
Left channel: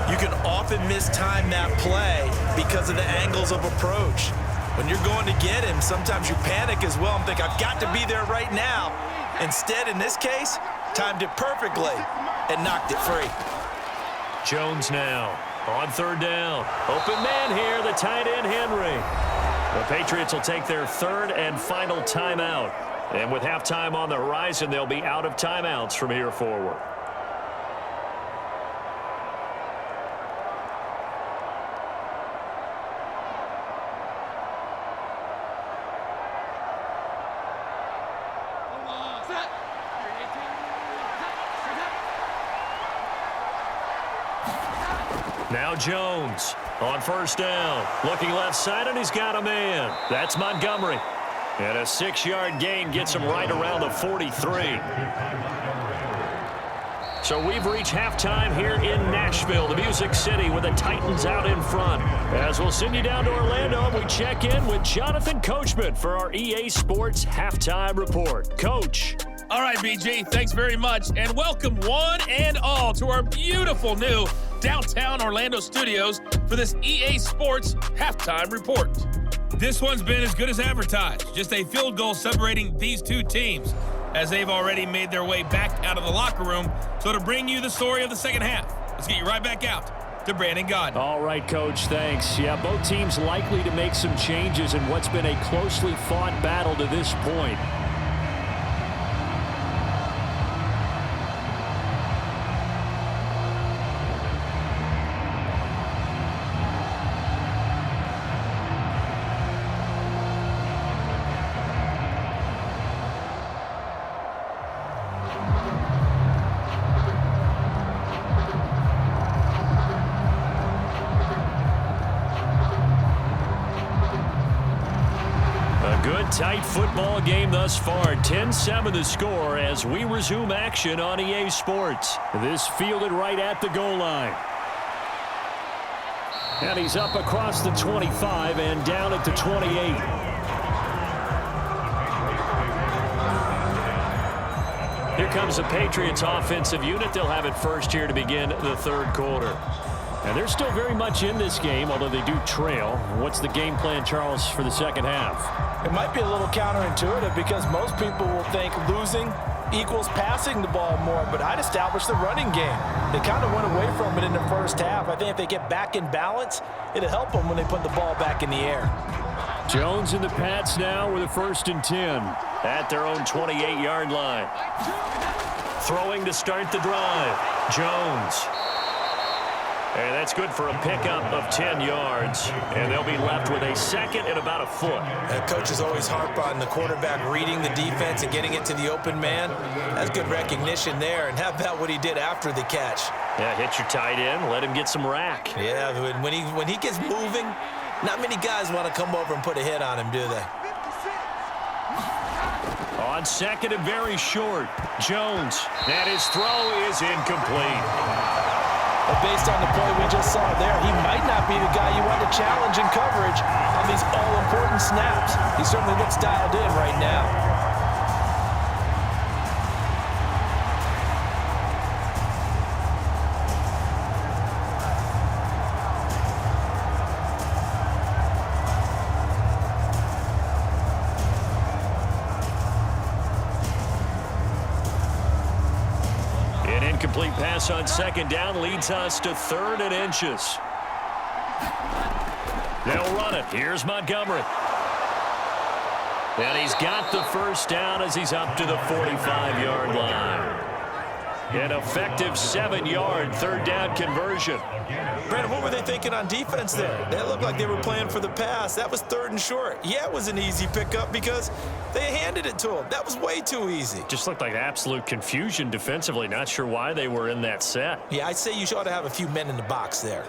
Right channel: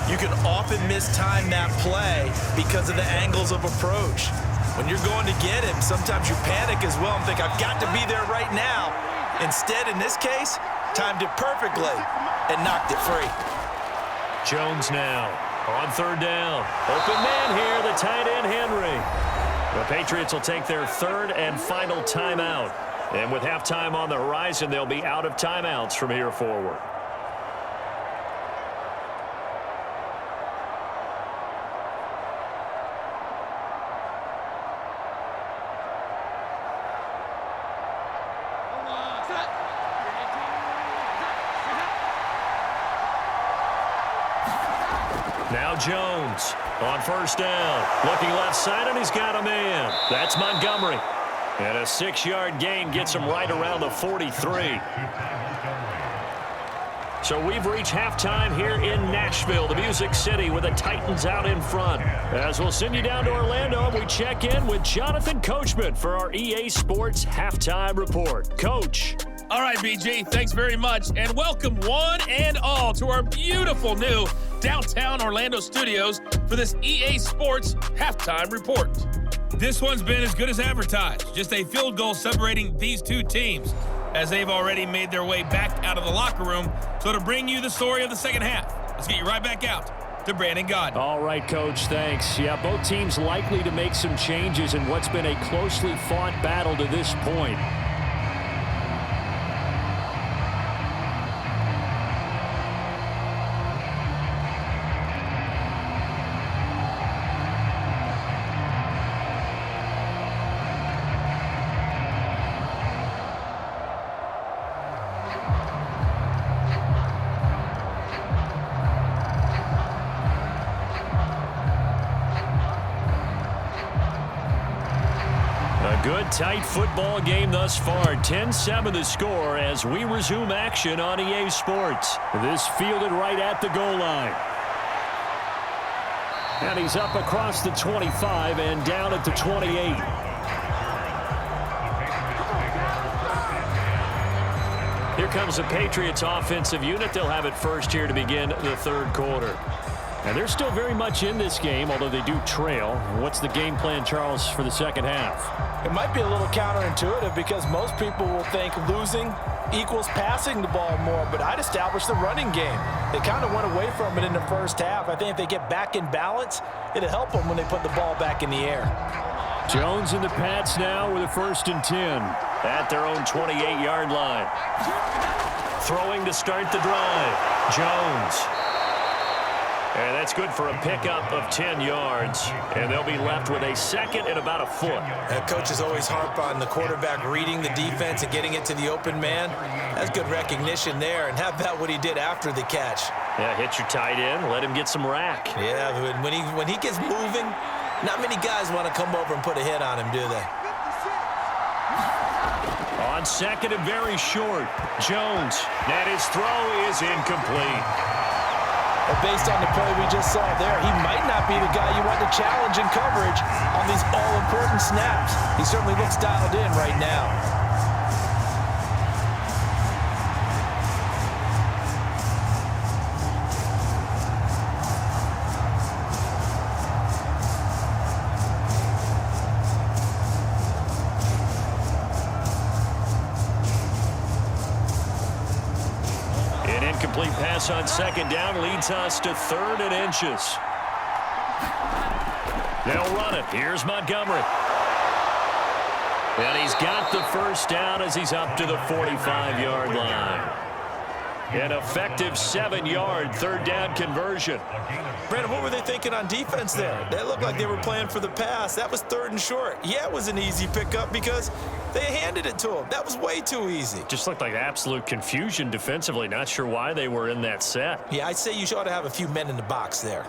you can often mistime that play because of the angles of approach. When you're going to get him, sometimes you panic as well and think, I've got to be there right now. Instead, in this case, timed it perfectly and knocked it free. Jones now on 3rd down. Open man here, the tight end, Henry. The Patriots will take their 3rd and final timeout. And with halftime on the horizon, they'll be out of timeouts from here forward. Now Jones on 1st down. Looking left side, and he's got a man. That's Montgomery. And a 6-yard gain gets him right around the 43. So we've reached halftime here in Nashville, the Music City, with the Titans out in front. As we'll send you down to Orlando, we check in with Jonathan Coachman for our EA Sports Halftime Report. Coach. All right, BG, thanks very much, and welcome one and all to our beautiful new downtown Orlando studios for this EA Sports Halftime Report. This one's been as good as advertised, just a field goal separating these two teams, as they've already made their way back out of the locker room. So to bring you the story of the second half, let's get you right back out to Brandon Godden. All right, Coach, thanks. Yeah, both teams likely to make some changes in what's been a closely fought battle to this point. Good, tight football game thus far. 10-7 the score as we resume action on EA Sports. This fielded right at the goal line. And he's up across the 25 and down at the 28. Here comes the Patriots offensive unit. They'll have it first here to begin the 3rd quarter. And they're still very much in this game, although they do trail. What's the game plan, Charles, for the second half? It might be a little counterintuitive because most people will think losing equals passing the ball more, but I'd establish the running game. They kind of went away from it in the first half. I think if they get back in balance, it'll help them when they put the ball back in the air. Jones and the Pats now with a 1st and 10 at their own 28-yard line. Throwing to start the drive, Jones. And that's good for a pickup of 10 yards. And they'll be left with a 2nd and about a foot. Coaches always harp on the quarterback reading the defense and getting it to the open man. That's good recognition there. And how about what he did after the catch? Yeah, hit your tight end, let him get some rack. Yeah, when he gets moving, not many guys want to come over and put a hit on him, do they? On 2nd and very short, Jones. And his throw is incomplete. But based on the play we just saw there, he might not be the guy you want to challenge in coverage on these all-important snaps. He certainly looks dialed in right now. An incomplete pass on 2nd down leads us to 3rd and inches. They'll run it. Here's Montgomery. And he's got the 1st down as he's up to the 45-yard line. An effective 7-yard 3rd down conversion. Brandon, what were they thinking on defense there? They looked like they were playing for the pass. That was 3rd and short. Yeah, it was an easy pickup because they handed it to him. That was way too easy. Just looked like absolute confusion defensively. Not sure why they were in that set. Yeah, I'd say you ought to have a few men in the box there.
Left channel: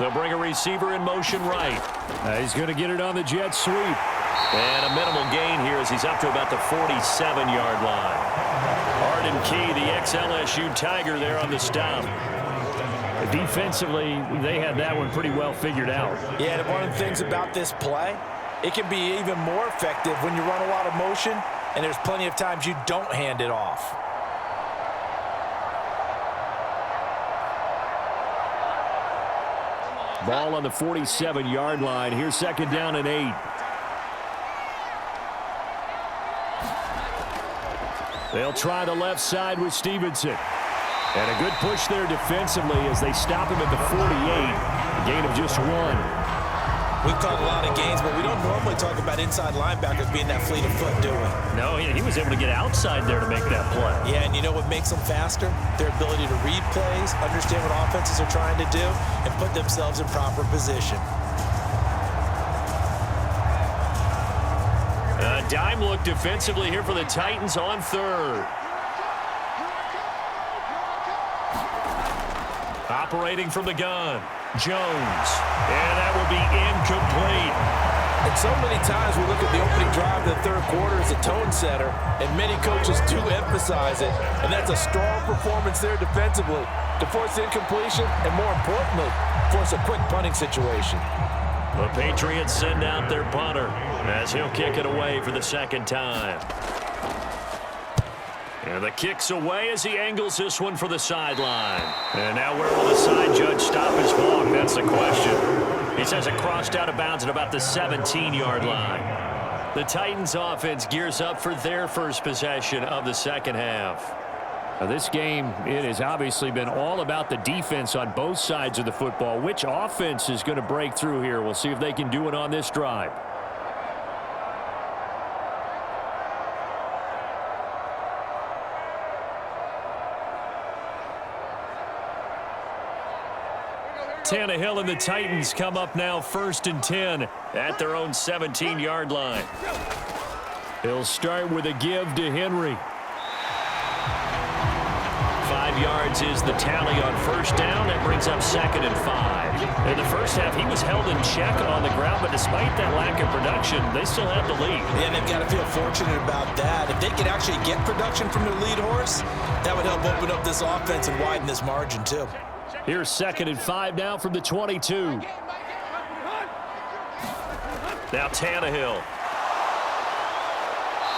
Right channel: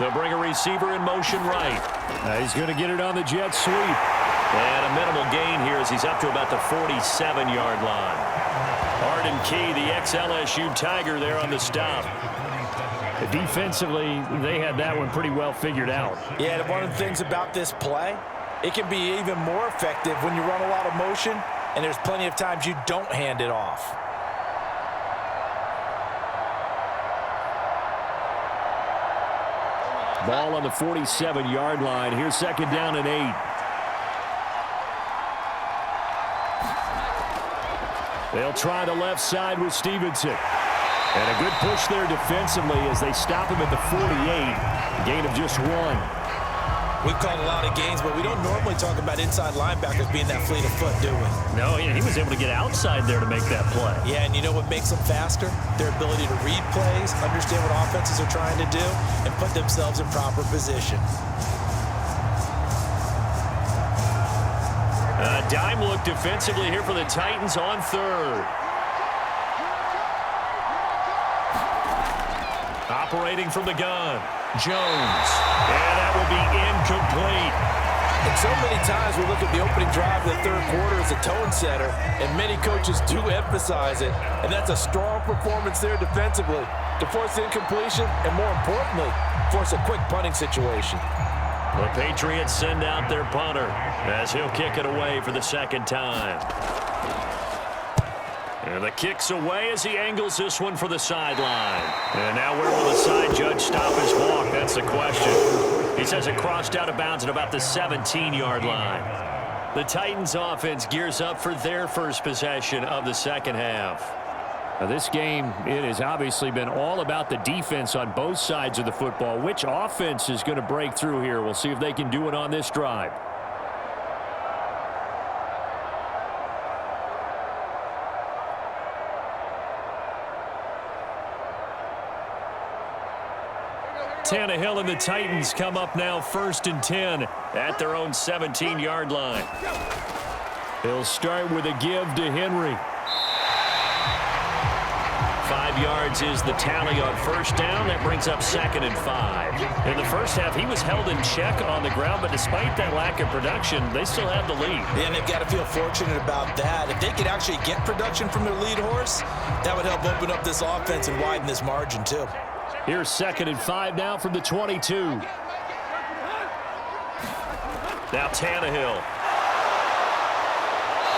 They'll bring a receiver in motion right. He's going to get it on the jet sweep. And a minimal gain here as he's up to about the 47-yard line. Arden Key, the ex-LSU Tiger, there on the stop. Defensively, they had that one pretty well figured out. Yeah, and one of the things about this play, it can be even more effective when you run a lot of motion, and there's plenty of times you don't hand it off. Ball on the 47-yard line. Here's 2nd down and 8. They'll try the left side with Stevenson. And a good push there defensively as they stop him at the 48. A gain of just 1. We've called a lot of games, but we don't normally talk about inside linebackers being that fleet of foot, do we? No, he was able to get outside there to make that play. Yeah, and you know what makes them faster? Their ability to read plays, understand what offenses are trying to do, and put themselves in proper position. A dime look defensively here for the Titans on 3rd. Operating from the gun, Jones. And that will be incomplete. And so many times we look at the opening drive of the 3rd quarter as a tone setter, and many coaches do emphasize it. And that's a strong performance there defensively to force incompletion and, more importantly, force a quick punting situation. The Patriots send out their punter as he'll kick it away for the 2nd time. And the kick's away as he angles this one for the sideline. And now where will the side judge stop his walk? That's the question. He says it crossed out of bounds at about the 17-yard line. The Titans offense gears up for their first possession of the 2nd half. Now this game, it has obviously been all about the defense on both sides of the football. Which offense is going to break through here? We'll see if they can do it on this drive. Tannehill and the Titans come up now 1st and 10 at their own 17-yard line. They'll start with a give to Henry. 5 yards is the tally on 1st down. That brings up 2nd and 5. In the first half, he was held in check on the ground, but despite that lack of production, they still have the lead. Yeah, and they've got to feel fortunate about that. If they could actually get production from their lead horse, that would help open up this offense and widen this margin too. Here's 2nd and 5 now from the 22. Now Tannehill.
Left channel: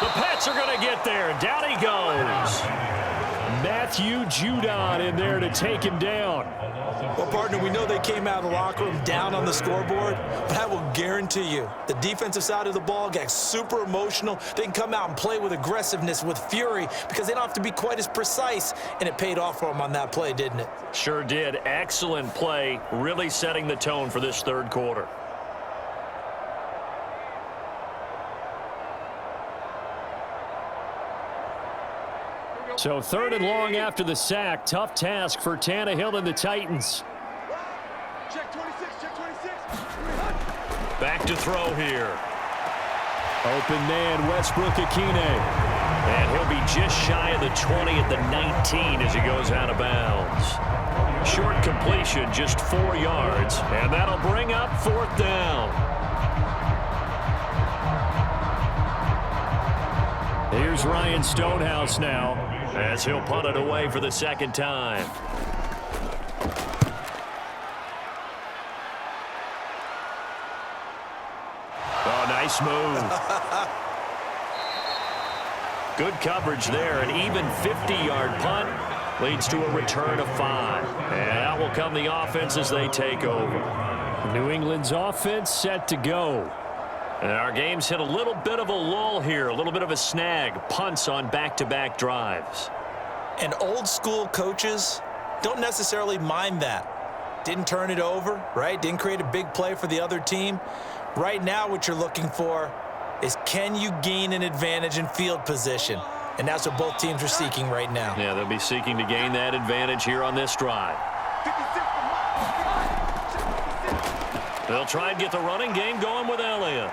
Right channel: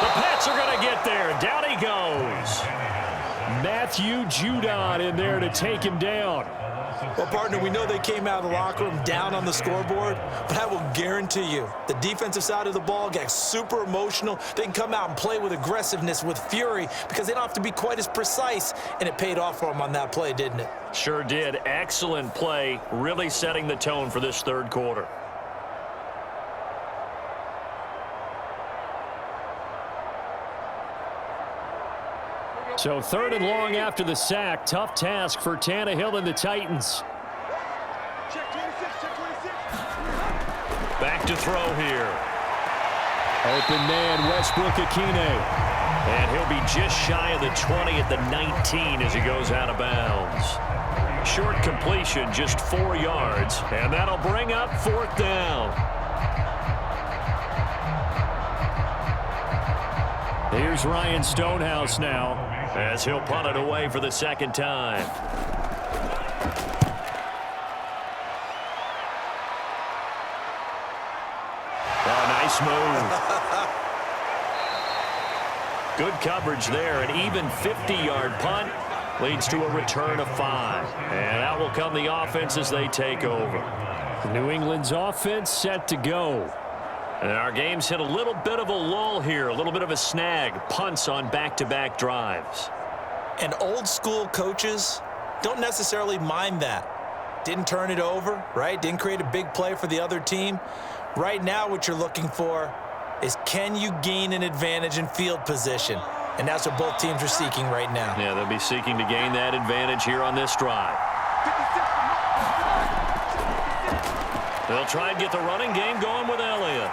The Pats are going to get there. Down he goes. Matthew Judon in there to take him down. Well, partner, we know they came out of the locker room down on the scoreboard, but I will guarantee you the defensive side of the ball got super emotional. They can come out and play with aggressiveness, with fury, because they don't have to be quite as precise, and it paid off for them on that play, didn't it? Sure did. Excellent play, really setting the tone for this third quarter. So 3rd and long after the sack. Tough task for Tannehill and the Titans. Check 26, check 26. Back to throw here. Open man, Westbrook-Ikhine. And he'll be just shy of the 20 at the 19 as he goes out of bounds. Short completion, just 4 yards. And that'll bring up 4th down. Here's Ryan Stonehouse now, as he'll punt it away for the 2nd time. Oh, nice move. Good coverage there. An even 50-yard punt leads to a return of 5. And out will come the offense as they take over. New England's offense set to go. And our game's hit a little bit of a lull here, a little bit of a snag. Punts on back-to-back drives. And old school coaches don't necessarily mind that. Didn't turn it over, right? Didn't create a big play for the other team. Right now what you're looking for is, can you gain an advantage in field position? And that's what both teams are seeking right now. Yeah, they'll be seeking to gain that advantage here on this drive. They'll try and get the running game going with Elliott.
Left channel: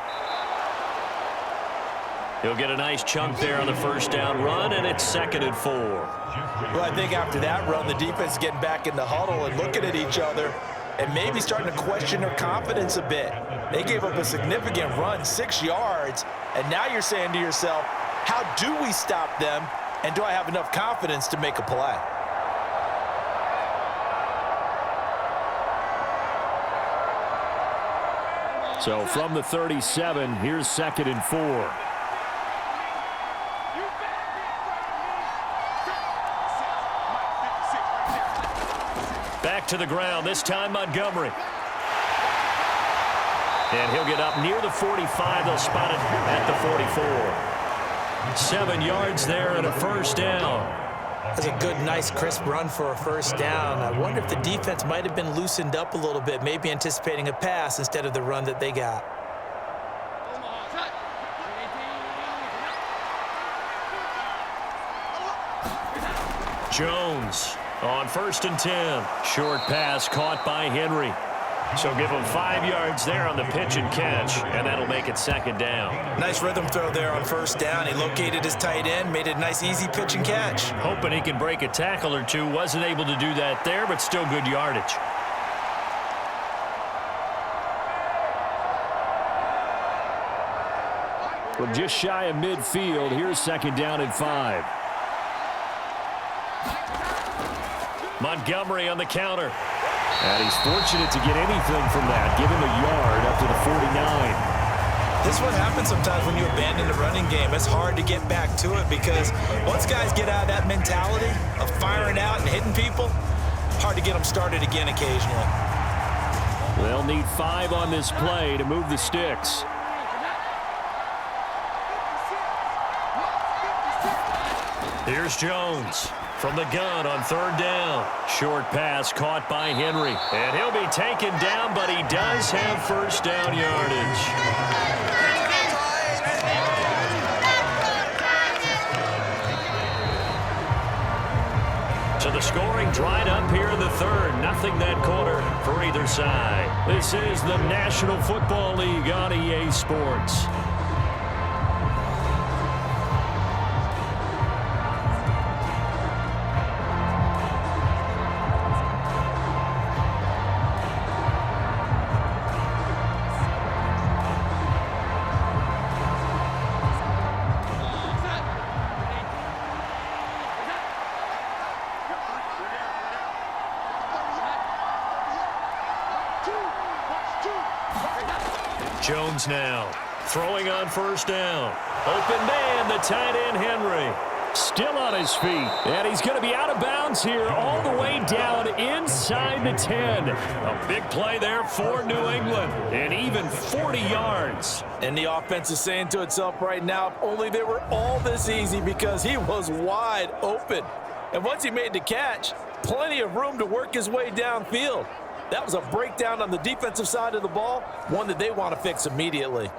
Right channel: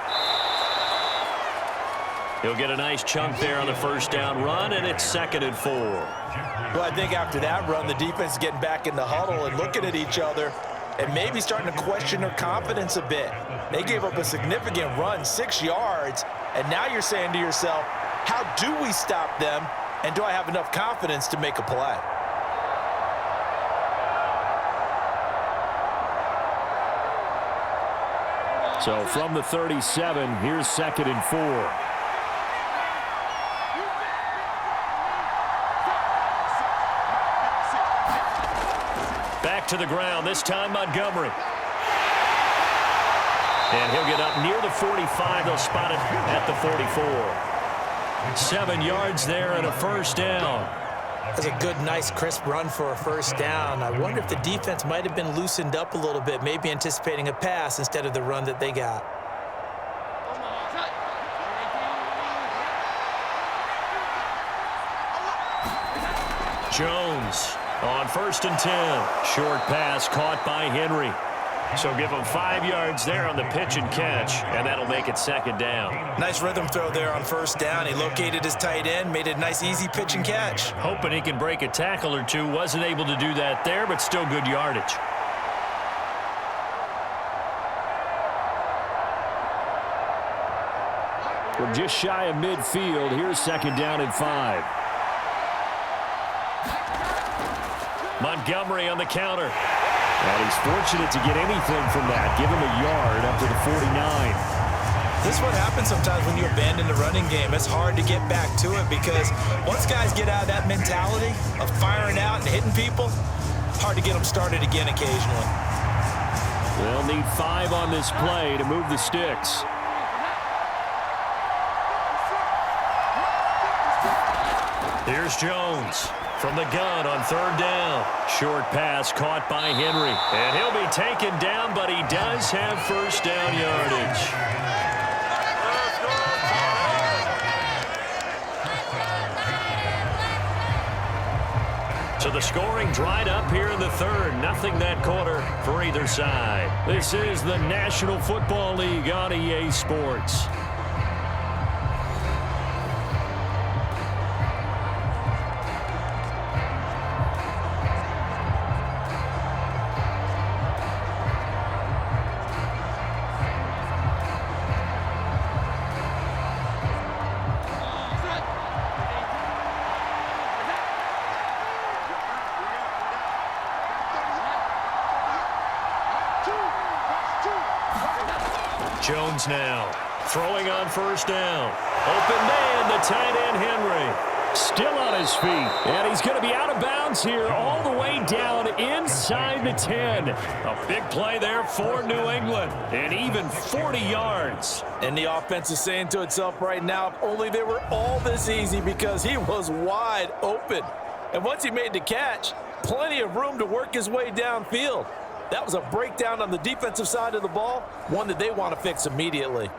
He'll get a nice chunk there on the 1st down run, and it's 2nd and 4. Well, I think after that run, the defense is getting back in the huddle and looking at each other and maybe starting to question their confidence a bit. They gave up a significant run, 6 yards, and now you're saying to yourself, how do we stop them, and do I have enough confidence to make a play? So from the 37, here's 2nd and 4. Back to the ground, this time Montgomery. And he'll get up near the 45. They'll spot it at the 44. 7 yards there and a 1st down. That's a good, nice, crisp run for a 1st down. I wonder if the defense might have been loosened up a little bit, maybe anticipating a pass instead of the run that they got. Jones on 1st and 10. Short pass caught by Henry. So give him 5 yards there on the pitch and catch, and that'll make it 2nd down. Nice rhythm throw there on 1st down. He located his tight end, made it a nice, easy pitch and catch. Hoping he can break a tackle or two. Wasn't able to do that there, but still good yardage. From just shy of midfield, here's 2nd down and 5. Montgomery on the counter. And he's fortunate to get anything from that. Give him a yard up to the 49. This is what happens sometimes when you abandon the running game. It's hard to get back to it because once guys get out of that mentality of firing out and hitting people, hard to get them started again occasionally. They'll need 5 on this play to move the sticks. Here's Jones from the gun on 3rd down. Short pass caught by Henry. And he'll be taken down, but he does have 1st down yardage. So the scoring dried up here in the 3rd. Nothing that quarter for either side. This is the National Football League on EA Sports. Jones now throwing on first down. Open man, the tight end Henry. Still on his feet, and he's going to be out of bounds here all the way down inside the 10. A big play there for New England, and even 40 yards. And the offense is saying to itself right now, if only they were all this easy, because he was wide open. And once he made the catch, plenty of room to work his way downfield. That was a breakdown on the defensive side of the ball, one that they want to fix immediately.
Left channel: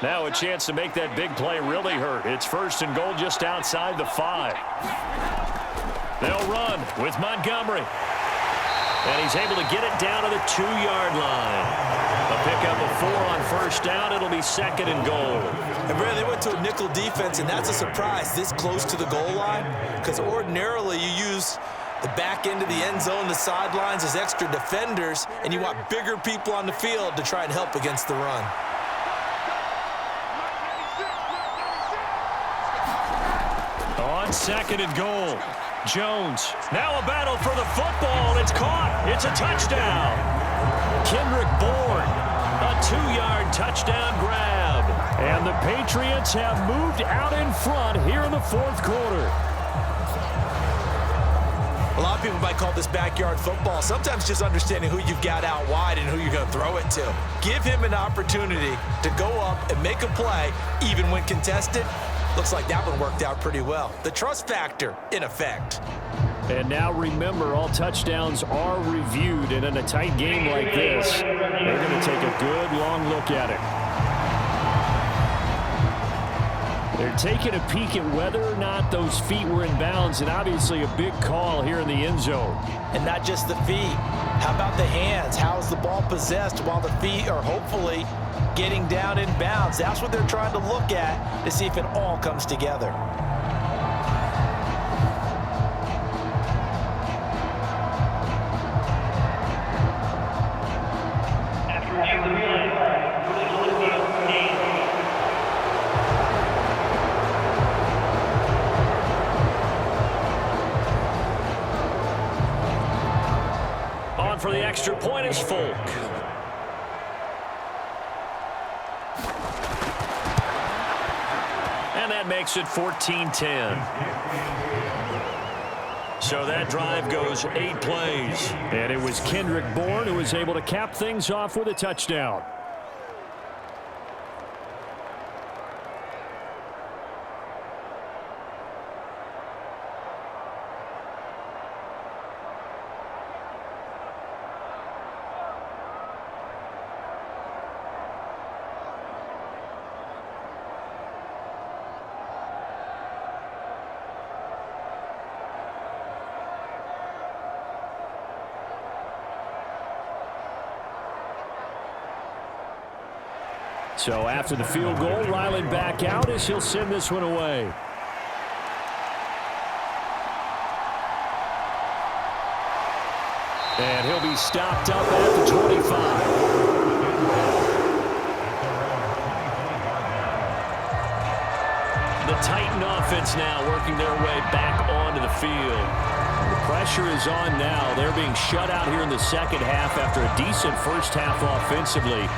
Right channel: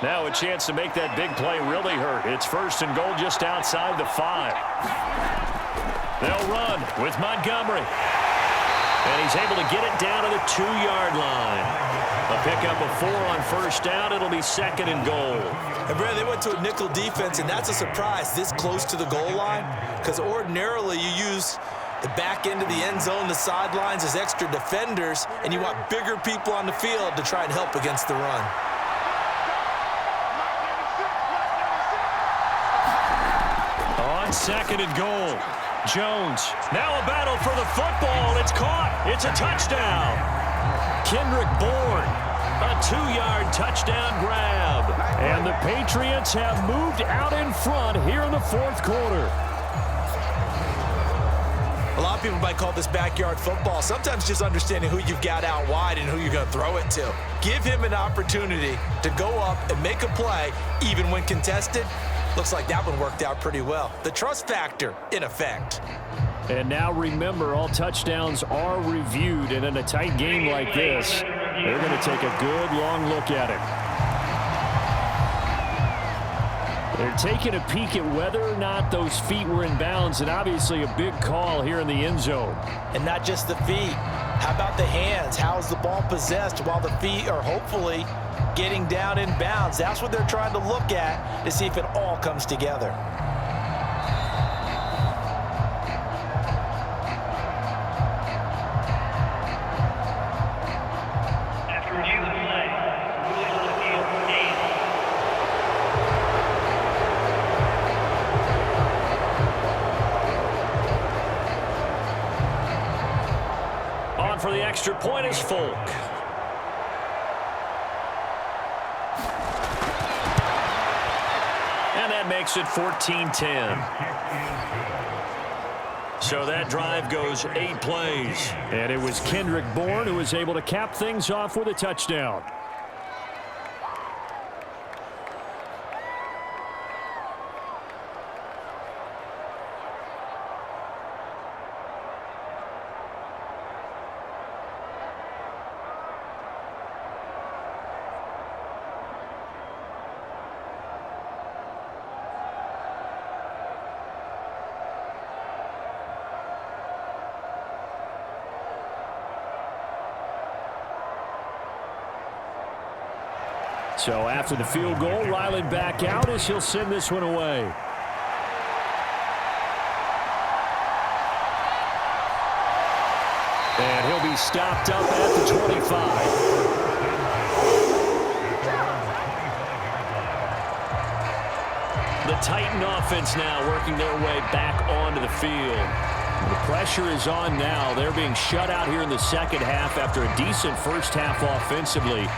Now a chance to make that big play really hurt. It's first and goal just outside the 5. They'll run with Montgomery. And he's able to get it down to the 2-yard line. A pickup of 4 on first down. It'll be second and goal. And Brad, they went to a nickel defense, and that's a surprise this close to the goal line, because ordinarily you use the back end of the end zone, the sidelines as extra defenders, and you want bigger people on the field to try and help against the run. On second and goal, Jones. Now a battle for the football. It's caught. It's a touchdown. Kendrick Bourne, a 2-yard touchdown grab. And the Patriots have moved out in front here in the fourth quarter. A lot of people might call this backyard football. Sometimes just understanding who you've got out wide and who you're going to throw it to. Give him an opportunity to go up and make a play, even when contested. Looks like that one worked out pretty well. The trust factor in effect. And now remember, all touchdowns are reviewed, and in a tight game like this, they're going to take a good long look at it. They're taking a peek at whether or not those feet were in bounds, and obviously a big call here in the end zone. And not just the feet. How about the hands? How's the ball possessed while the feet are hopefully getting down in bounds? That's what they're trying to look at to see if it all comes together. On for the extra point is Folk. And that makes it 14-10. So that drive goes 8 plays. And it was Kendrick Bourne who was able to cap things off with a touchdown. So after the field goal, Ryland back out as he'll send this one away. And he'll be stopped up at the 25. The Titan offense now working their way back onto the field. The pressure is on now. They're being shut out here in the second half after a decent first half offensively.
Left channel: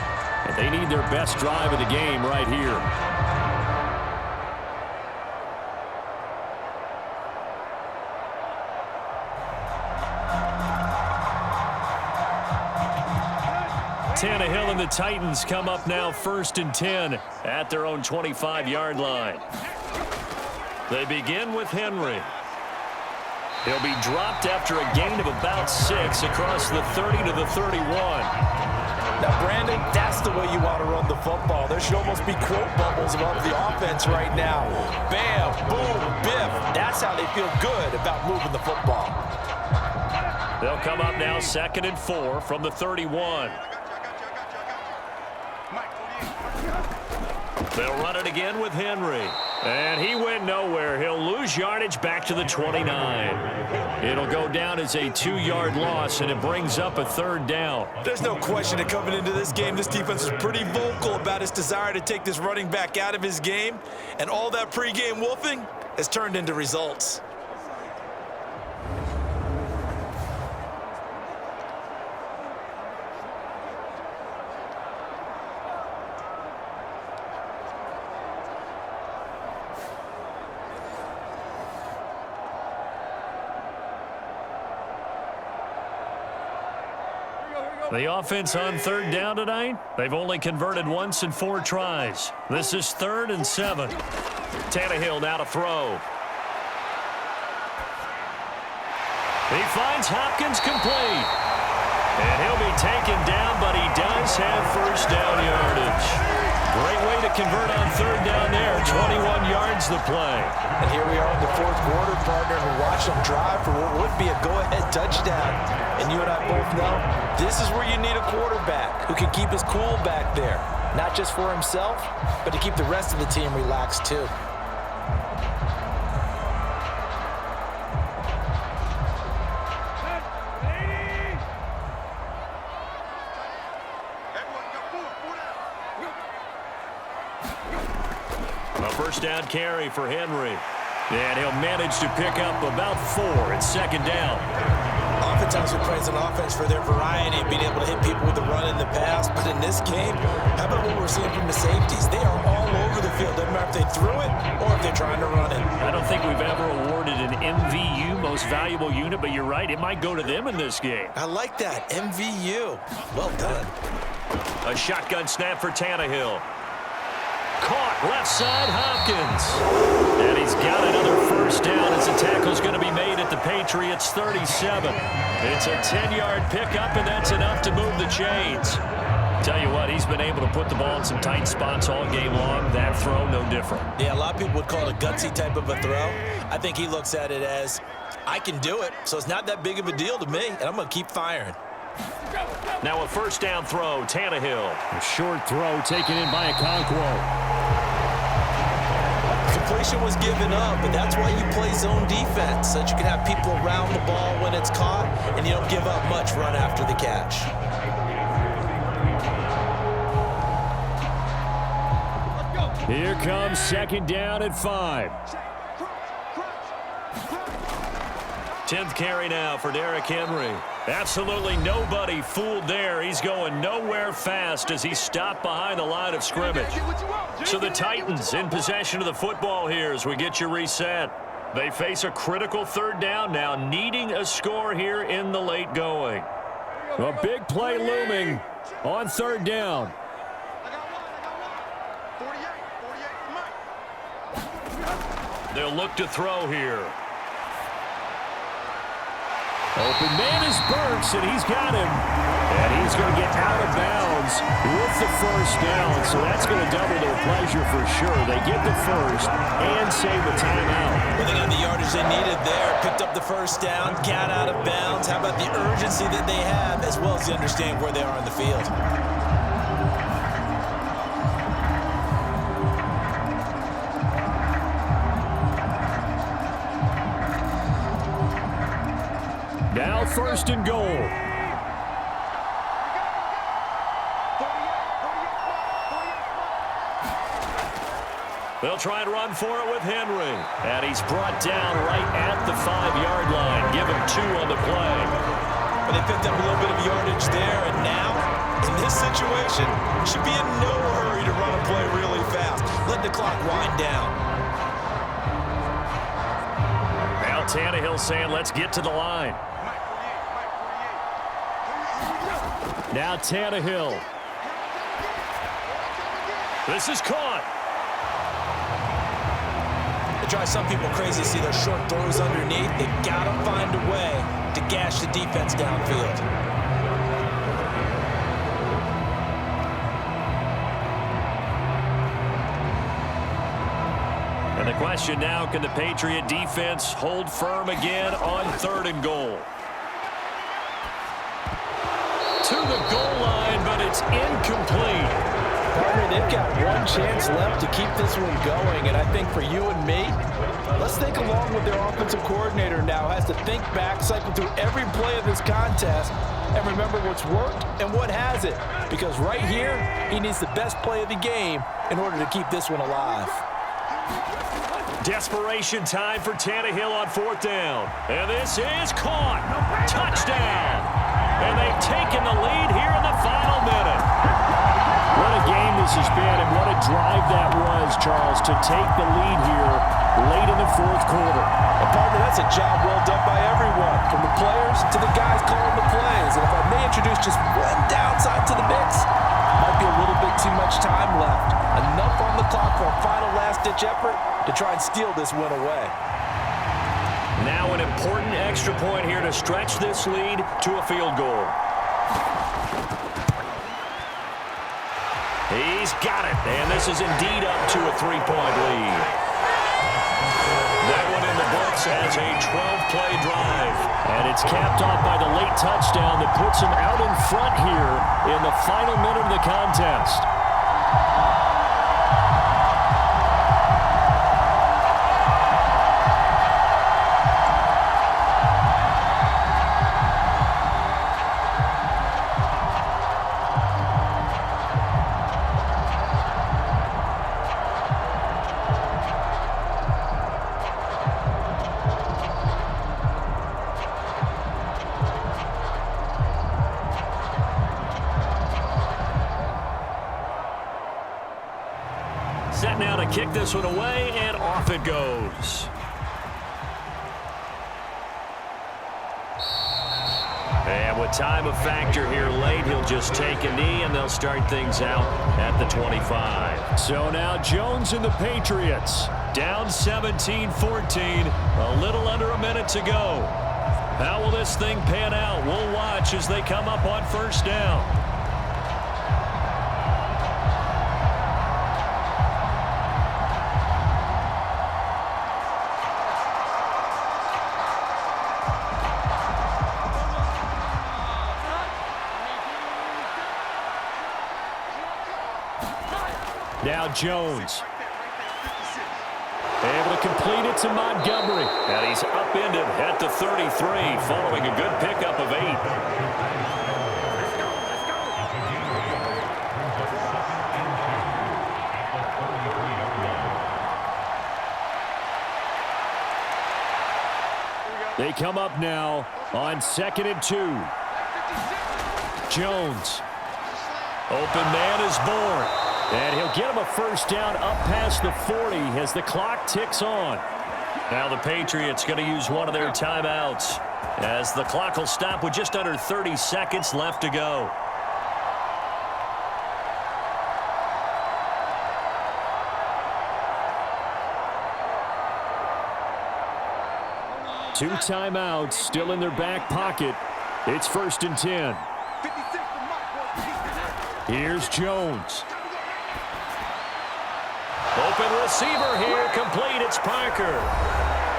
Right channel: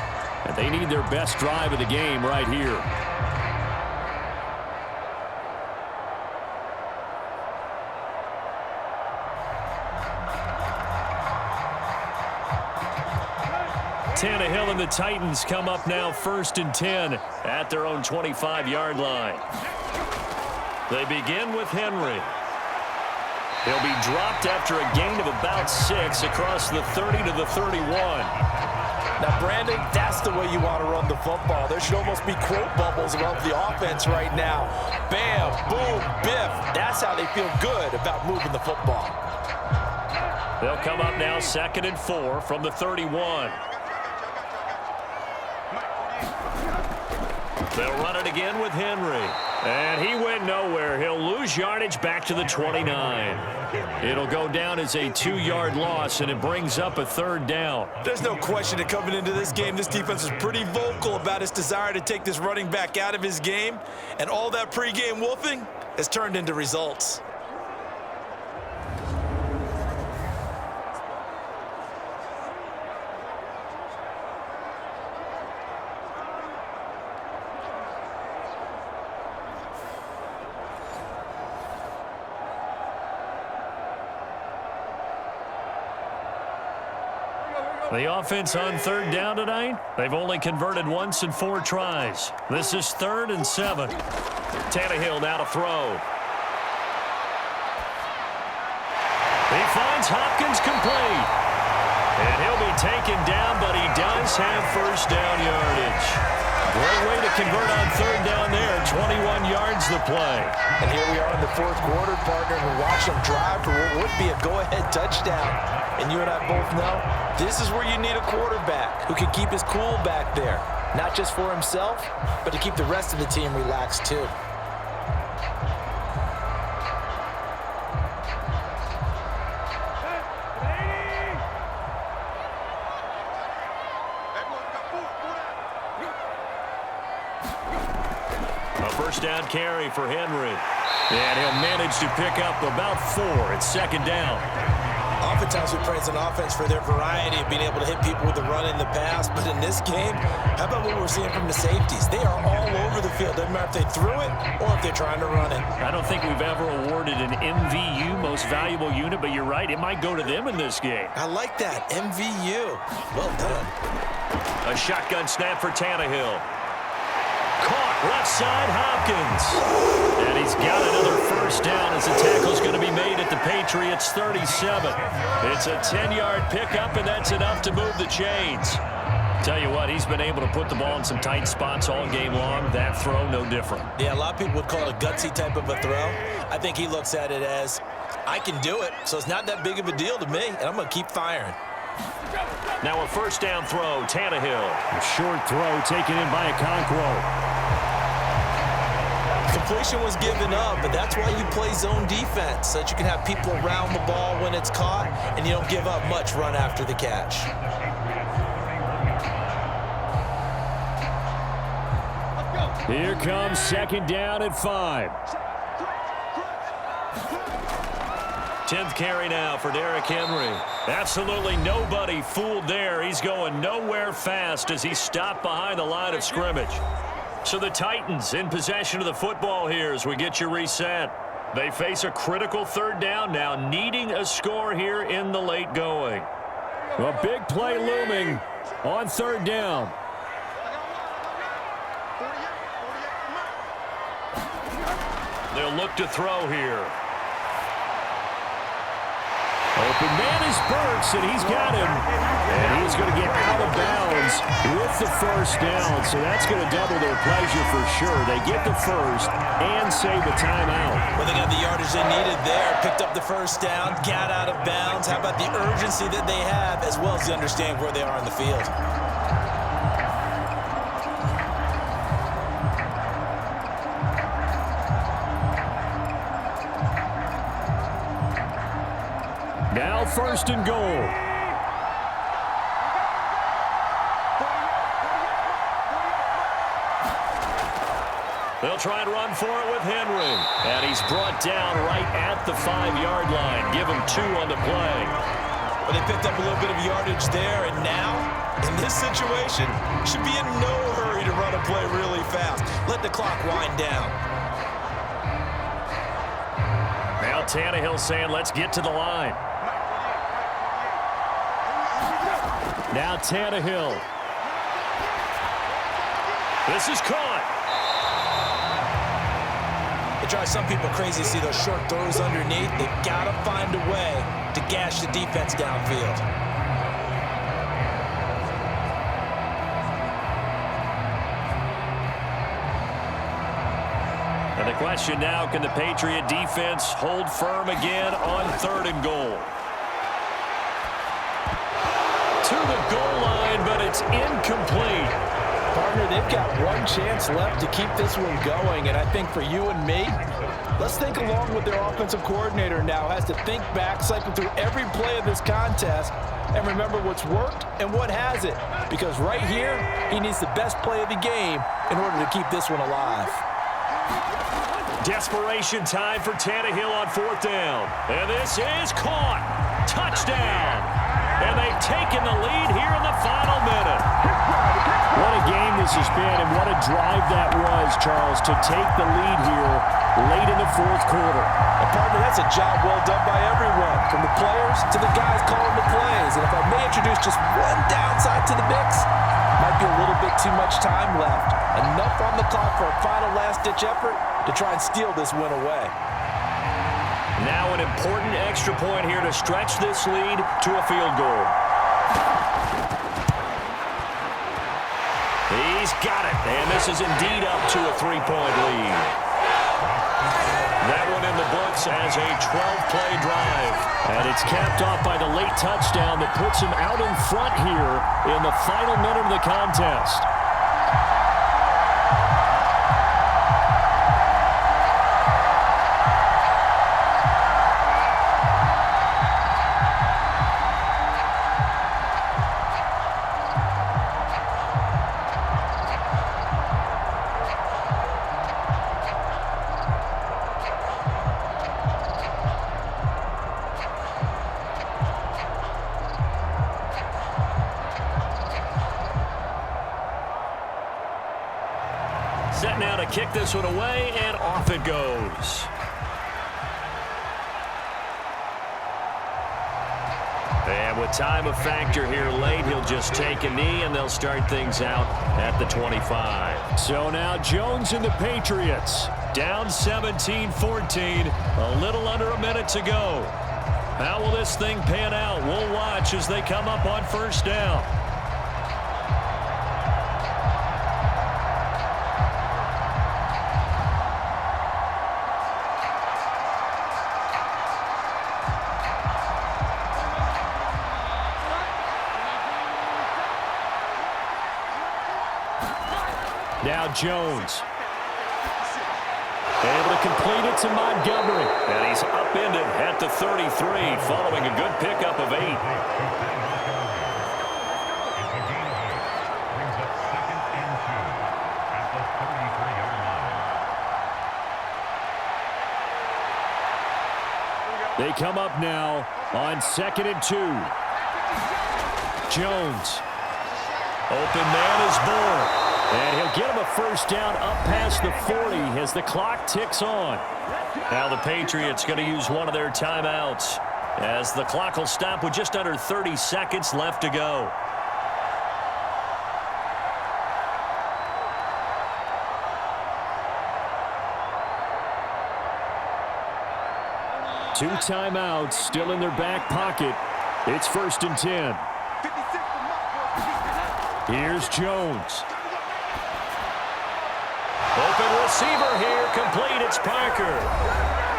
And they need their best drive of the game right here. Tannehill and the Titans come up now 1st and 10 at their own 25-yard line. They begin with Henry. He'll be dropped after a gain of about 6 across the 30 to the 31. Now, Brandon, that's the way you want to run the football. There should almost be quote bubbles above the offense right now. Bam, boom, biff. That's how they feel good about moving the football. They'll come up now 2nd and 4 from the 31. They'll run it again with Henry. And he went nowhere. He'll lose yardage back to the 29. It'll go down as a 2-yard loss, and it brings up a 3rd down. There's no question that coming into this game, this defense is pretty vocal about its desire to take this running back out of his game. And all that pregame wolfing has turned into results. The offense on third down tonight, they've only converted once in 4 tries. This is 3rd and 7. Tannehill now to throw. He finds Hopkins complete. And he'll be taken down, but he does have first down yardage. Great way to convert on third down there. 21 yards the play. And here we are in the 4th quarter, partner, and we're watching them drive for what would be a go-ahead touchdown. And you and I both know this is where you need a quarterback who can keep his cool back there. Not just for himself, but to keep the rest of the team relaxed too. A first down carry for Henry. And he'll manage to pick up about 4 at 2nd down. Oftentimes we praise an offense for their variety of being able to hit people with the run in the pass. But in this game, how about what we're seeing from the safeties? They are all over the field. Doesn't matter if they threw it or if they're trying to run it. I don't think we've ever awarded an MVU, most valuable unit, but you're right. It might go to them in this game. I like that. MVU. Well done. A shotgun snap for Tannehill. Caught left side, Hopkins. And he's got another first down as the tackle's going to be made at the Patriots 37. It's a 10-yard pickup, and that's enough to move the chains. Tell you what, he's been able to put the ball in some tight spots all game long. That throw, no different. Yeah, a lot of people would call it a gutsy type of a throw. I think he looks at it as, I can do it, so it's not that big of a deal to me, and I'm going to keep firing. Now a first down throw, Tannehill. A short throw taken in by Okonkwo. Completion was given up, but that's why you play zone defense, so that you can have people around the ball when it's caught, and you don't give up much run after the catch. Here comes 2nd down at 5. 10th carry now for Derrick Henry. Absolutely nobody fooled there. He's going nowhere fast as he's stopped behind the line of scrimmage. So the Titans in possession of the football here as we get you reset. They face a critical 3rd down now, needing a score here in the late going. A big play looming on 3rd down. They'll look to throw here. Open man is Burks, and he's got him. And he's going to get out of bounds with the first down, so that's going to double their pleasure for sure. They get the first and save the timeout. Well, they got the yardage they needed there, picked up the first down, got out of bounds. How about the urgency that they have, as well as the understanding where they are in the field? Now 1st and goal. They'll try and run for it with Henry. And he's brought down right at the 5-yard line. Give him 2 on the play. But they picked up a little bit of yardage there, and now, in this situation, should be in no hurry to run a play really fast. Let the clock wind down. Now Tannehill saying, let's get to the line. Now Tannehill. This is caught. It drives some people crazy to see those short throws underneath. They got to find a way to gash the defense downfield. And the question now, can the Patriot defense hold firm again on 3rd and goal? To the goal line, but it's incomplete. Partner, they've got one chance left to keep this one going, and I think for you and me, let's think along with their offensive coordinator now. Has to think back, cycle through every play of this contest, and remember what's worked and what hasn't. Because right here, he needs the best play of the game in order to keep this one alive. Desperation time for Tannehill on 4th down. And this is caught. Touchdown. And they've taken the lead here in the final minute. What a game this has been, and what a drive that was, Charles, to take the lead here late in the 4th quarter. And partner, that's a job well done by everyone, from the players to the guys calling the plays. And if I may introduce introduce just one downside to the mix. Might be a little bit too much time left. Enough on the clock for a final last-ditch effort to try and steal this win away. Now an important extra point here to stretch this lead to a field goal. He's got it, and this is indeed up to a 3-point lead. That one in the books as a 12-play drive. And it's capped off by the late touchdown that puts him out in front here in the final minute of the contest. Set now to kick this one away, and off it goes. And with time a factor here late, he'll just take a knee, and they'll start things out at the 25. So now Jones and the Patriots down 17-14, a little under a minute to go. How will this thing pan out? We'll watch as they come up on first down. Now Jones. Able to complete it to Montgomery. And he's upended at the 33 following a good pickup of 8. They come up now on 2nd and 2. Jones. Open man is Boutte. And he'll get him a first down up past the 40 as the clock ticks on. Now the Patriots going to use one of their timeouts as the clock will stop with just under 30 seconds left to go. Two timeouts still in their back pocket. It's 1st and 10. Here's Jones. Open receiver here, complete, it's Parker.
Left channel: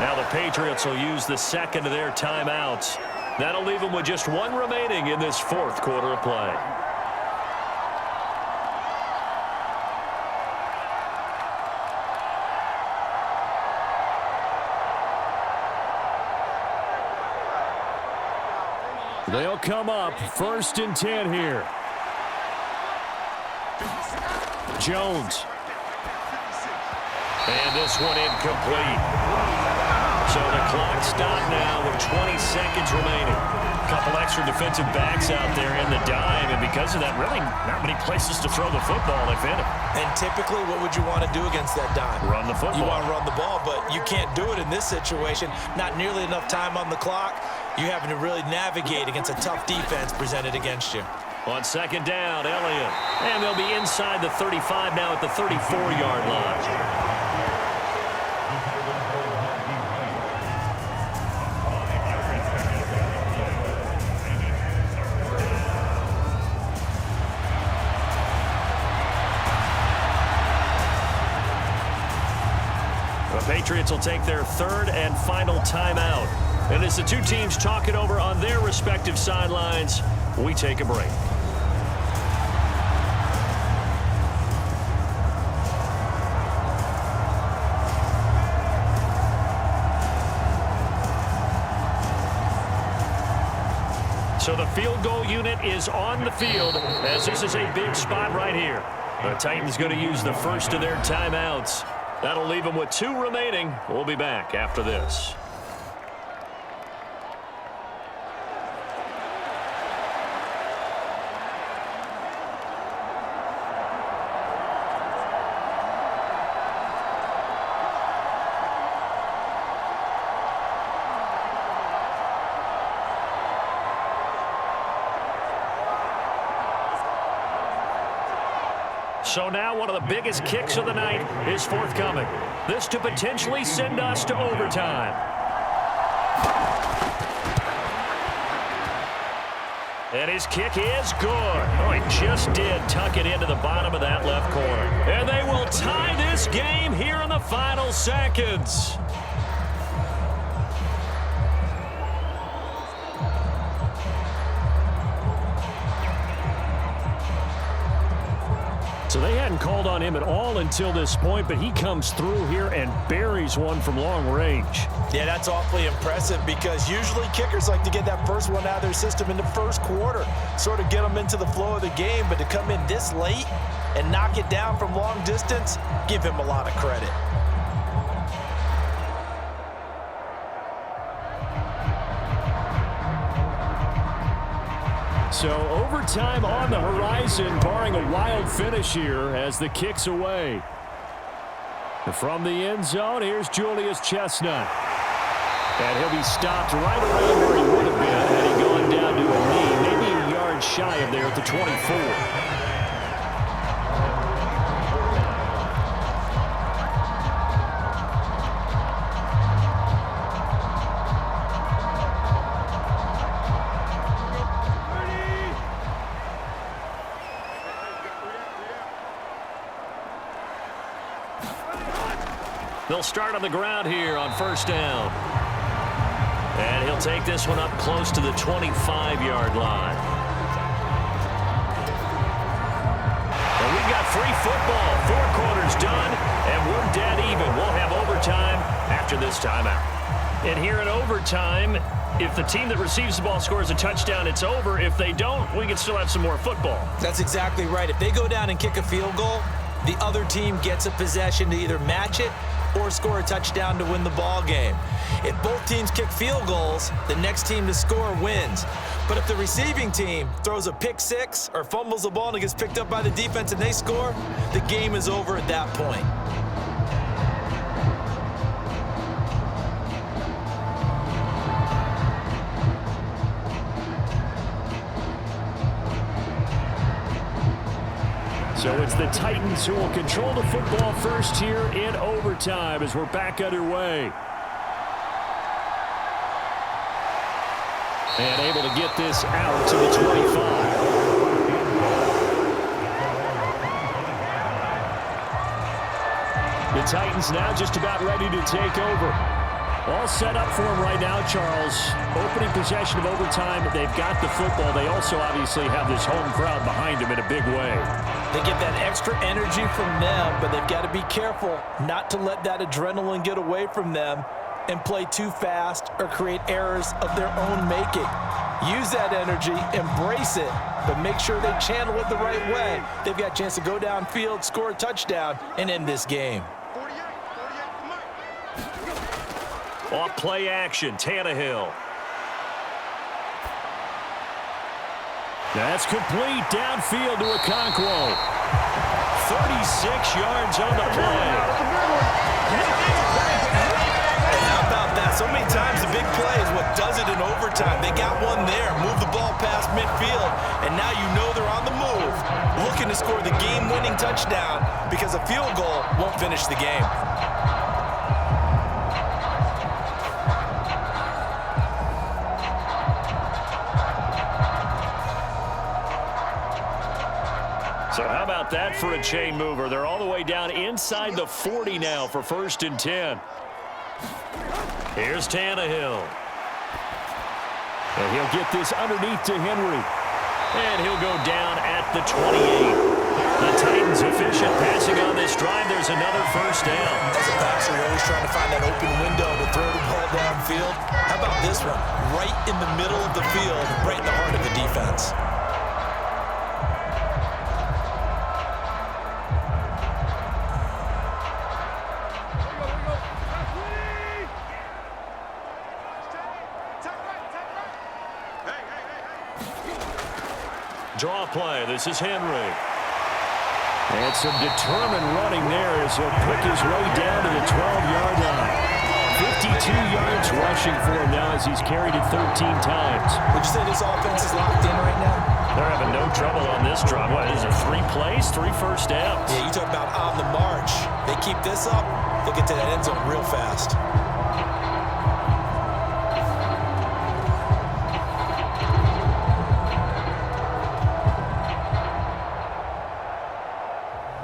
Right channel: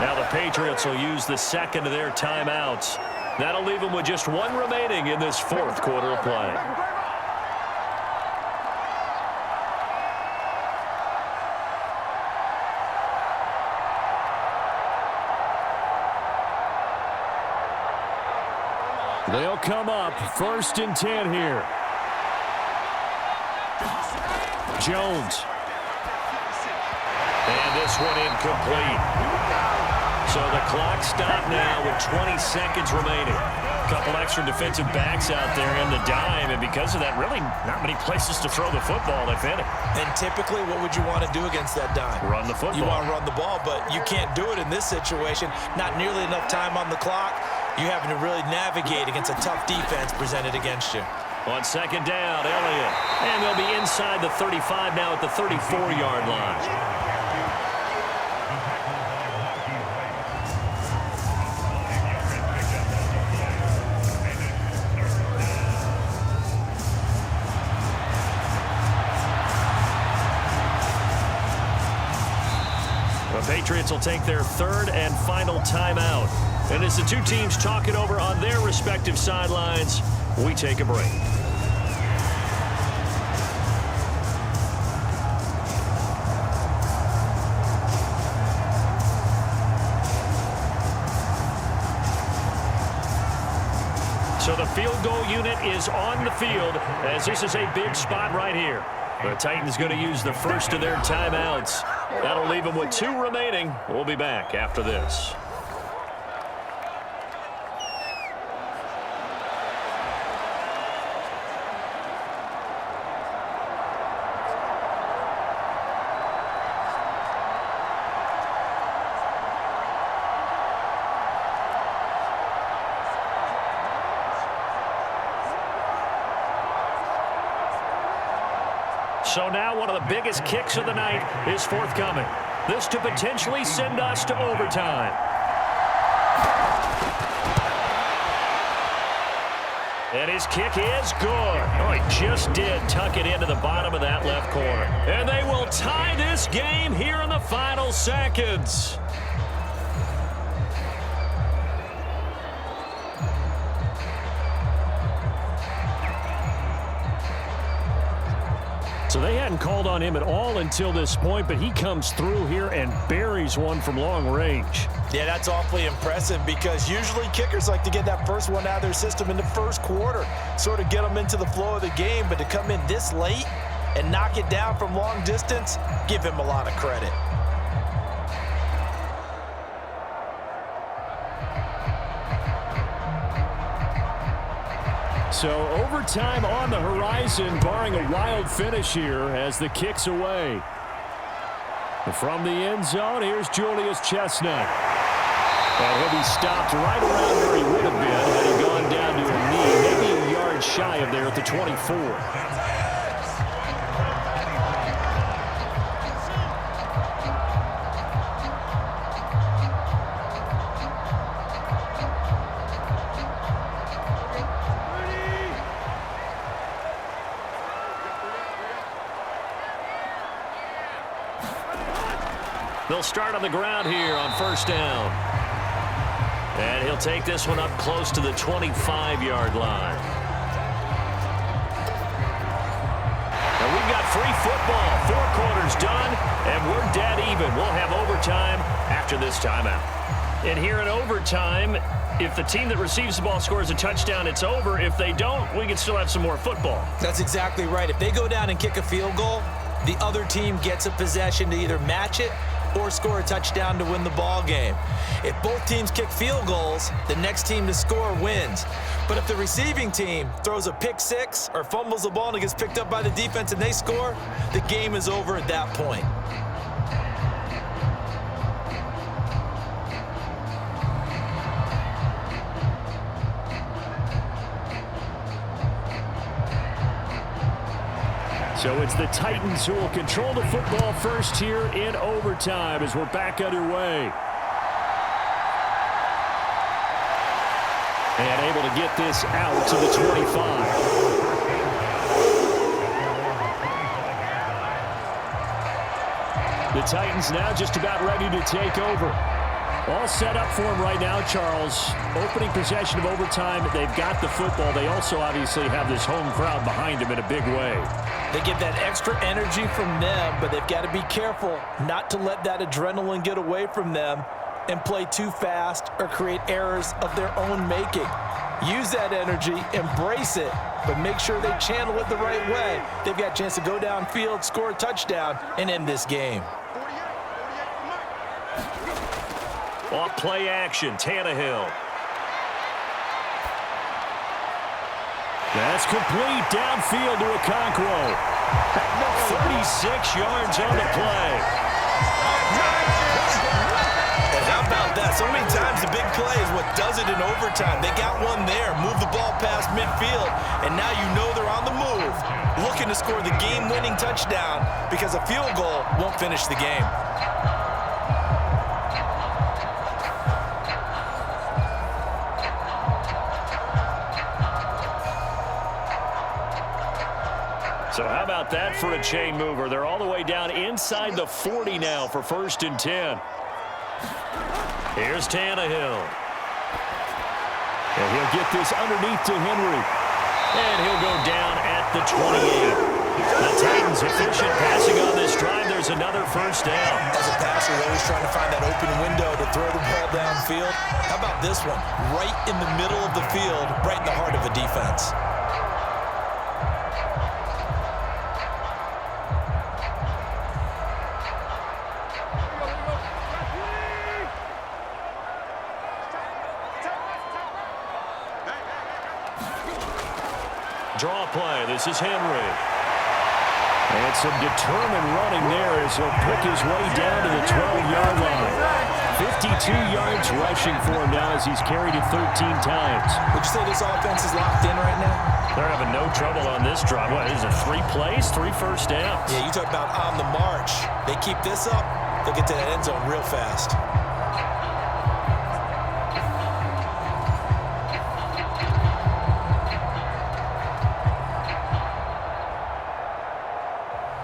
Now the Patriots will use the second of their timeouts. That'll leave them with just one remaining in this 4th quarter of play. They'll come up 1st and 10 here. Jones. And this one incomplete. So the clock stopped now with 20 seconds remaining. A couple extra defensive backs out there in the dime, and because of that, really not many places to throw the football, if any. And typically, what would you want to do against that dime? Run the football. You want to run the ball, but you can't do it in this situation. Not nearly enough time on the clock. You're having to really navigate against a tough defense presented against you. On 2nd down, Elliott. And they'll be inside the 35 now at the 34-yard line. The Patriots will take their 3rd and final timeout. And as the two teams talk it over on their respective sidelines, we take a break. So the field goal unit is on the field as this is a big spot right here. The Titans going to use the first of their timeouts. That'll leave them with 2 remaining. We'll be back after this. So now one of the biggest kicks of the night is forthcoming. This to potentially send us to overtime. And his kick is good. Oh, he just did tuck it into the bottom of that left corner. And they will tie this game here in the final seconds. So they hadn't called on him at all until this point, but he comes through here and buries one from long range. Yeah, that's awfully impressive because usually kickers like to get that first one out of their system in the first quarter, sort of get them into the flow of the game, but to come in this late and knock it down from long distance, give him a lot of credit. So overtime on the horizon, barring a wild finish here as the kick's away. From the end zone, here's Julius Chestnut. And he'll be stopped right around where he would have been had he gone down to a knee, maybe a yard shy of there at the 24. They'll start on the ground here on first down. And he'll take this one up close to the 25-yard line. And we've got free football. 4 quarters done, and we're dead even. We'll have overtime after this timeout. And here in overtime, if the team that receives the ball scores a touchdown, it's over. If they don't, we can still have some more football. That's exactly right. If they go down and kick a field goal, the other team gets a possession to either match it or score a touchdown to win the ball game. If both teams kick field goals, the next team to score wins. But if the receiving team throws a pick six or fumbles the ball and it gets picked up by the defense and they score, the game is over at that point. So it's the Titans who will control the football first here in overtime as we're back underway. And able to get this out to the 25. The Titans now just about ready to take over. All set up for them right now, Charles. Opening possession of overtime. They've got the football. They also obviously have this home crowd behind them in a big way. They get that extra energy from them, but they've got to be careful not to let that adrenaline get away from them and play too fast or create errors of their own making. Use that energy, embrace it, but make sure they channel it the right way. They've got a chance to go downfield, score a touchdown, and end this game. Off play action, Tannehill. That's complete downfield to Okonkwo. 36 yards on the play. And how about that? So many times the big play is what does it in overtime. They got one there, move the ball past midfield, and now you know they're on the move, looking to score the game-winning touchdown because a field goal won't finish the game. So how about that for a chain mover? They're all the way down inside the 40 now for 1st and 10. Here's Tannehill. And he'll get this underneath to Henry. And he'll go down at the 28. The Titans efficient passing on this drive. There's another first down. As a passer, you're always trying to find that open window to throw the ball downfield. How about this one? Right in the middle of the field, right in the heart of the defense. Draw play. This is Henry. And some determined running there as he'll pick his way down to the 12-yard line. 52 yards rushing for him now as he's carried it 13 times. Would you say this offense is locked in right now? They're having no trouble on this drive. What is it, 3 plays, 3 first downs? Yeah, you talk about on the march. They keep this up, they'll get to that end zone real fast.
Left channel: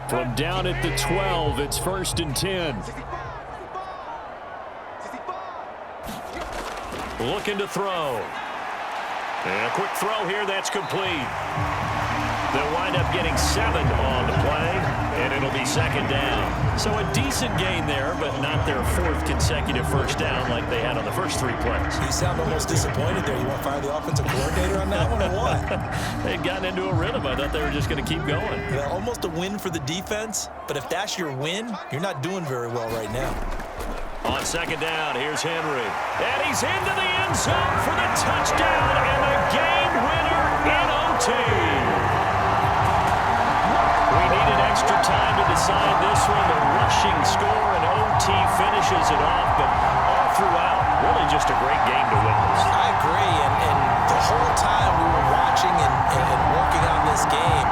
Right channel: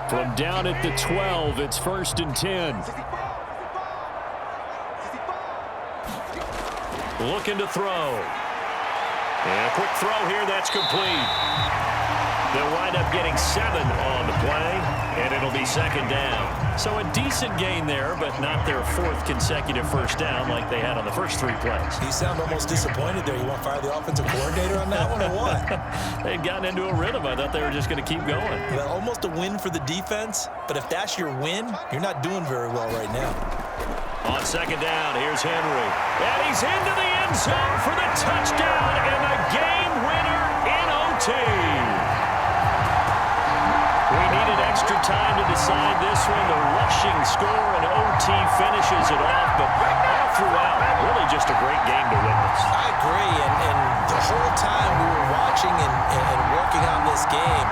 From down at the 12, it's 1st and 10. Looking to throw. And a quick throw here, that's complete. They'll wind up getting 7 on the play, and it'll be 2nd down. So a decent gain there, but not their 4th consecutive first down like they had on the first 3 plays. You sound almost disappointed there. You want to fire the offensive coordinator on that one or what? They'd gotten into a rhythm. I thought they were just going to keep going. Well, almost a win for the defense, but if that's your win, you're not doing very well right now. On 2nd down, here's Henry. And he's into the end zone for the touchdown and the game winner in OT. We needed extra time to decide this one. The rushing score and OT finishes it off, but all throughout, really just a great game to witness. I agree, and the whole time we were watching and working on this game,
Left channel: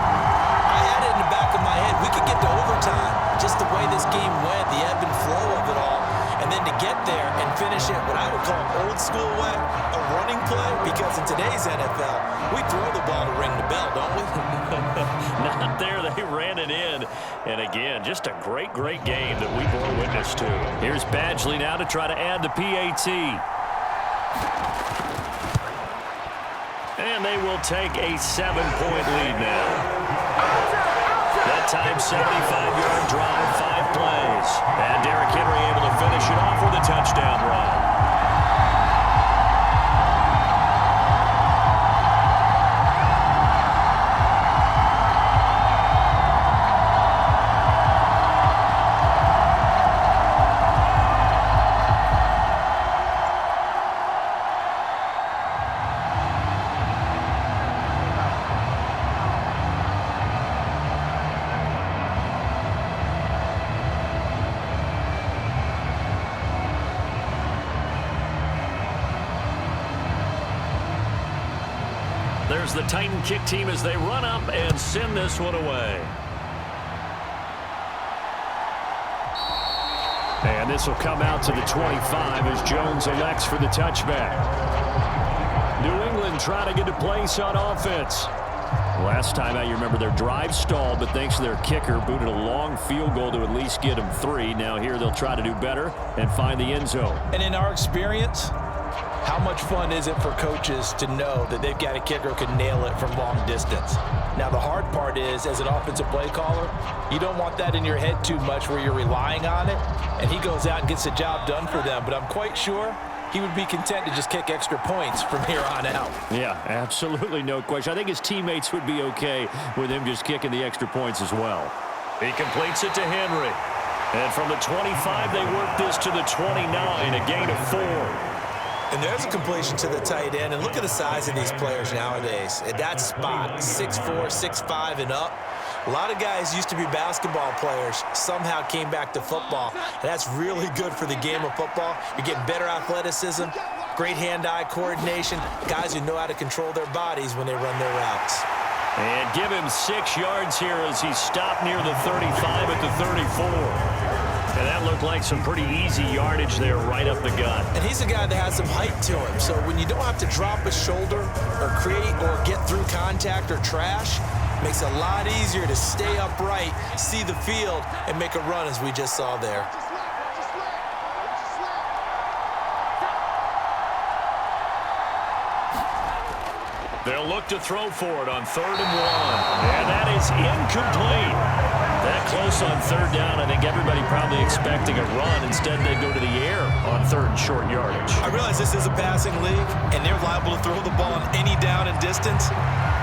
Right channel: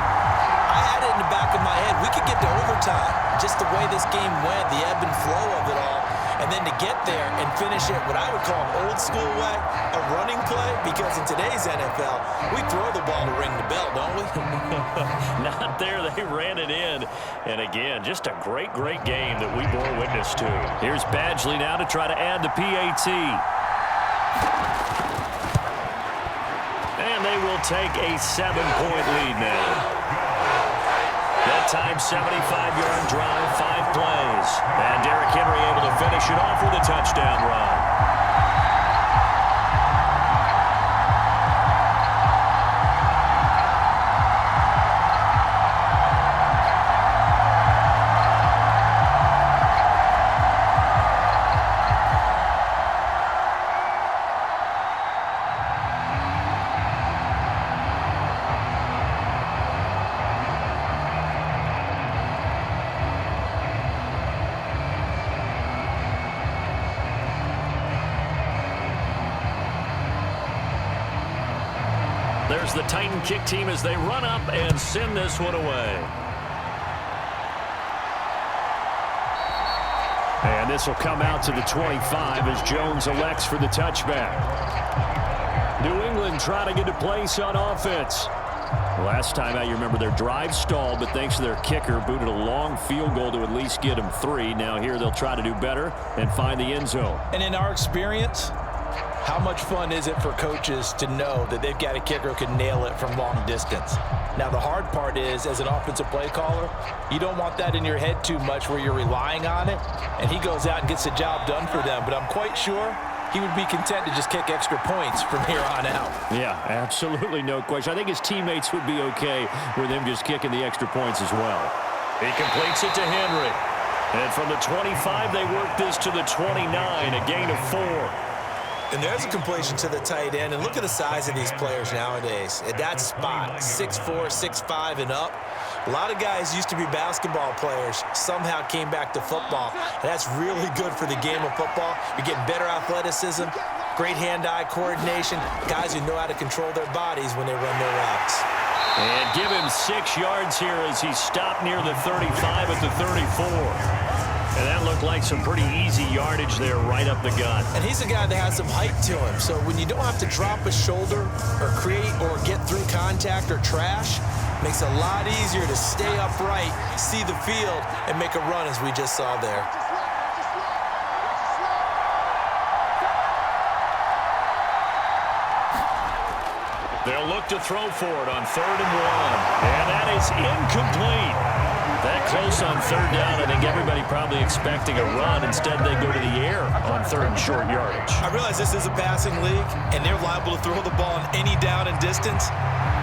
I had it in the back of my head. We could get to overtime. Just the way this game went, the ebb and flow of it all. And then to get there and finish it what I would call an old school way, a running play, because in today's NFL, we throw the ball to ring the bell, don't we? Not there. They ran it in. And again, just a great, great game that we bore witness to. Here's Badgley now to try to add the PAT. And they will take a 7-point lead now. That time, 75-yard drive, 5 plays. And Derrick Henry able to finish it off with a touchdown run. There's the Titan kick team as they run up and send this one away. And this will come out to the 25 as Jones elects for the touchback. New England trying to get a place on offense. Last time out, you remember their drive stalled, but thanks to their kicker, booted a long field goal to at least get them 3. Now here they'll try to do better and find the end zone. And in our experience, how much fun is it for coaches to know that they've got a kicker who can nail it from long distance? Now, the hard part is, as an offensive play caller, you don't want that in your head too much where you're relying on it, and he goes out and gets the job done for them. But I'm quite sure he would be content to just kick extra points from here on out. Yeah, absolutely no question. I think his teammates would be okay with him just kicking the extra points as well. He completes it to Henry. And from the 25, they work this to the 29, a gain of 4. And there's a completion to the tight end. And look at the size of these players nowadays. At that spot, 6'4", 6'5", and up. A lot of guys used to be basketball players, somehow came back to football. And that's really good for the game of football. You're getting better athleticism, great hand-eye coordination, guys who know how to control their bodies when they run their routes. And give him 6 yards here as he stopped near the 35 at the 34. And that looked like some pretty easy yardage there right up the gut. And he's a guy that has some height to him. So when you don't have to drop a shoulder or create or get through contact or trash, makes it a lot easier to stay upright, see the field, and make a run as we just saw there. They'll look to throw for it on 3rd and 1. And that is incomplete. That close on 3rd down, I think everybody probably expecting a run. Instead, they go to the air on 3rd and short yardage. I realize this is a passing league, and they're liable to throw the ball on any down and distance.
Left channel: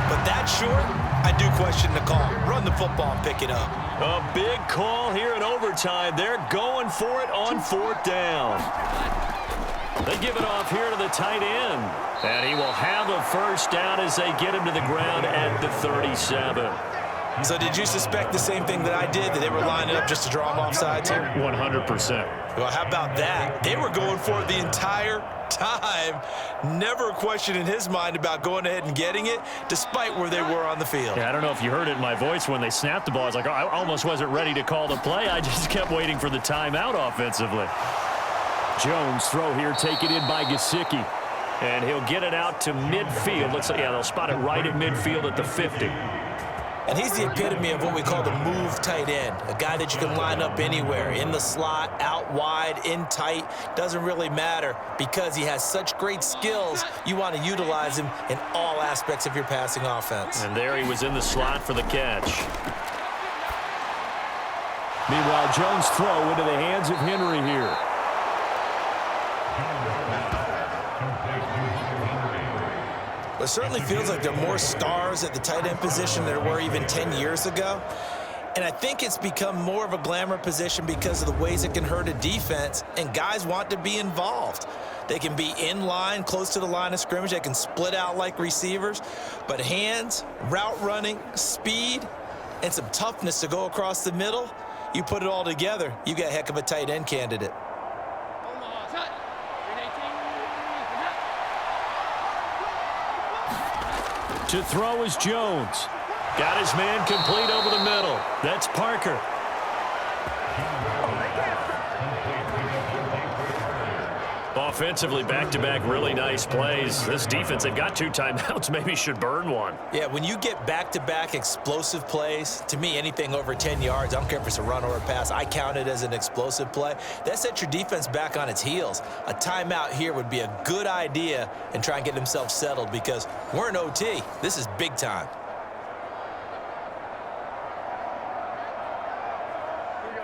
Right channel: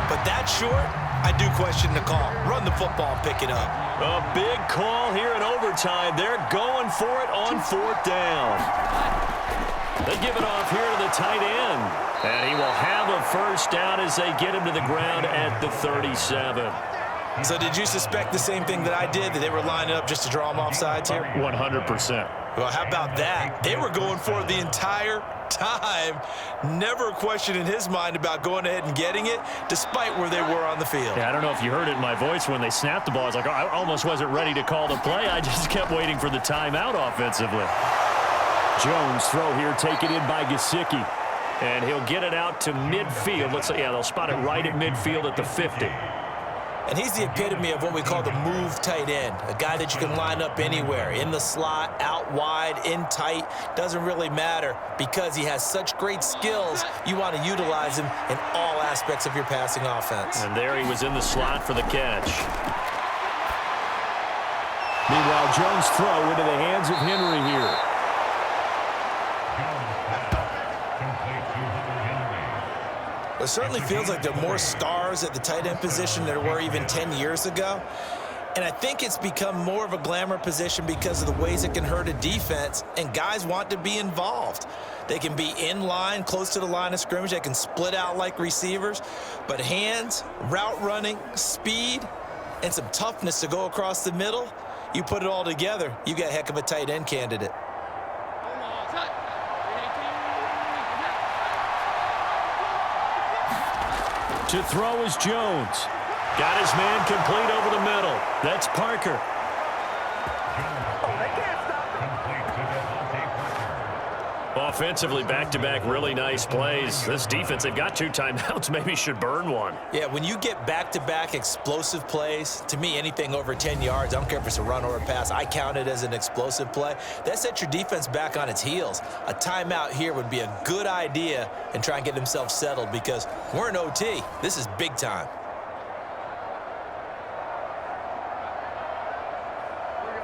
But that short, I do question the call. Run the football and pick it up. A big call here in overtime. They're going for it on 4th down. They give it off here to the tight end. And he will have a first down as they get him to the ground at the 37. So did you suspect the same thing that I did, that they were lining up just to draw him off sides here? 100%. Well, how about that? They were going for it the entire time. Never a question in his mind about going ahead and getting it, despite where they were on the field. Yeah, I don't know if you heard it in my voice when they snapped the ball. I was like, oh, I almost wasn't ready to call the play. I just kept waiting for the timeout offensively. Jones throw here, taken in by Gesicki. And he'll get it out to midfield. Looks like, yeah, they'll spot it right at midfield at the 50. And he's the epitome of what we call the move tight end, a guy that you can line up anywhere, in the slot, out wide, in tight, doesn't really matter because he has such great skills. You want to utilize him in all aspects of your passing offense. And there he was in the slot for the catch. Meanwhile, Jones' throw into the hands of Henry here. It certainly feels like there are more stars at the tight end position than there were even 10 years ago. And I think it's become more of a glamour position because of the ways it can hurt a defense, and guys want to be involved. They can be in line, close to the line of scrimmage. They can split out like receivers. But hands, route running, speed, and some toughness to go across the middle, you put it all together, you got a heck of a tight end candidate. To throw is Jones. Got his man complete over the middle. That's Parker. Offensively, back-to-back really nice plays. This defense, they've got 2 timeouts, maybe should burn one. Yeah, when you get back-to-back explosive plays, to me, anything over 10 yards, I don't care if it's a run or a pass, I count it as an explosive play. That sets your defense back on its heels. A timeout here would be a good idea and try and get themselves settled because we're in OT. This is big time.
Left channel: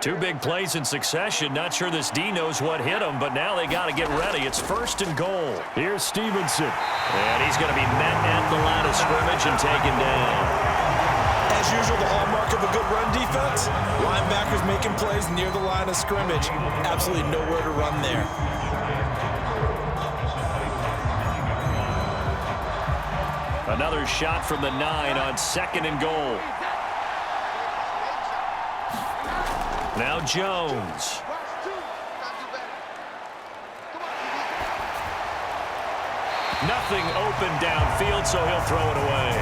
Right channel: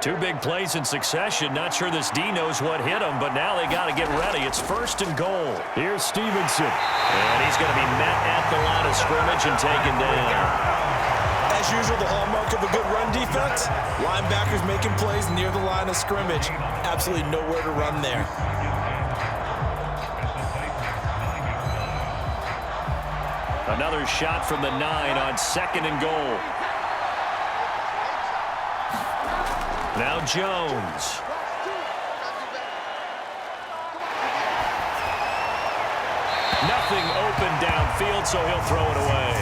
2 big plays in succession. Not sure this D knows what hit him, but now they got to get ready. It's 1st and goal. Here's Stevenson. And he's going to be met at the line of scrimmage and taken down. As usual, the hallmark of a good run defense, linebackers making plays near the line of scrimmage. Absolutely nowhere to run there. Another shot from the 9 on 2nd and goal. Now Jones. Nothing open downfield, so he'll throw it away.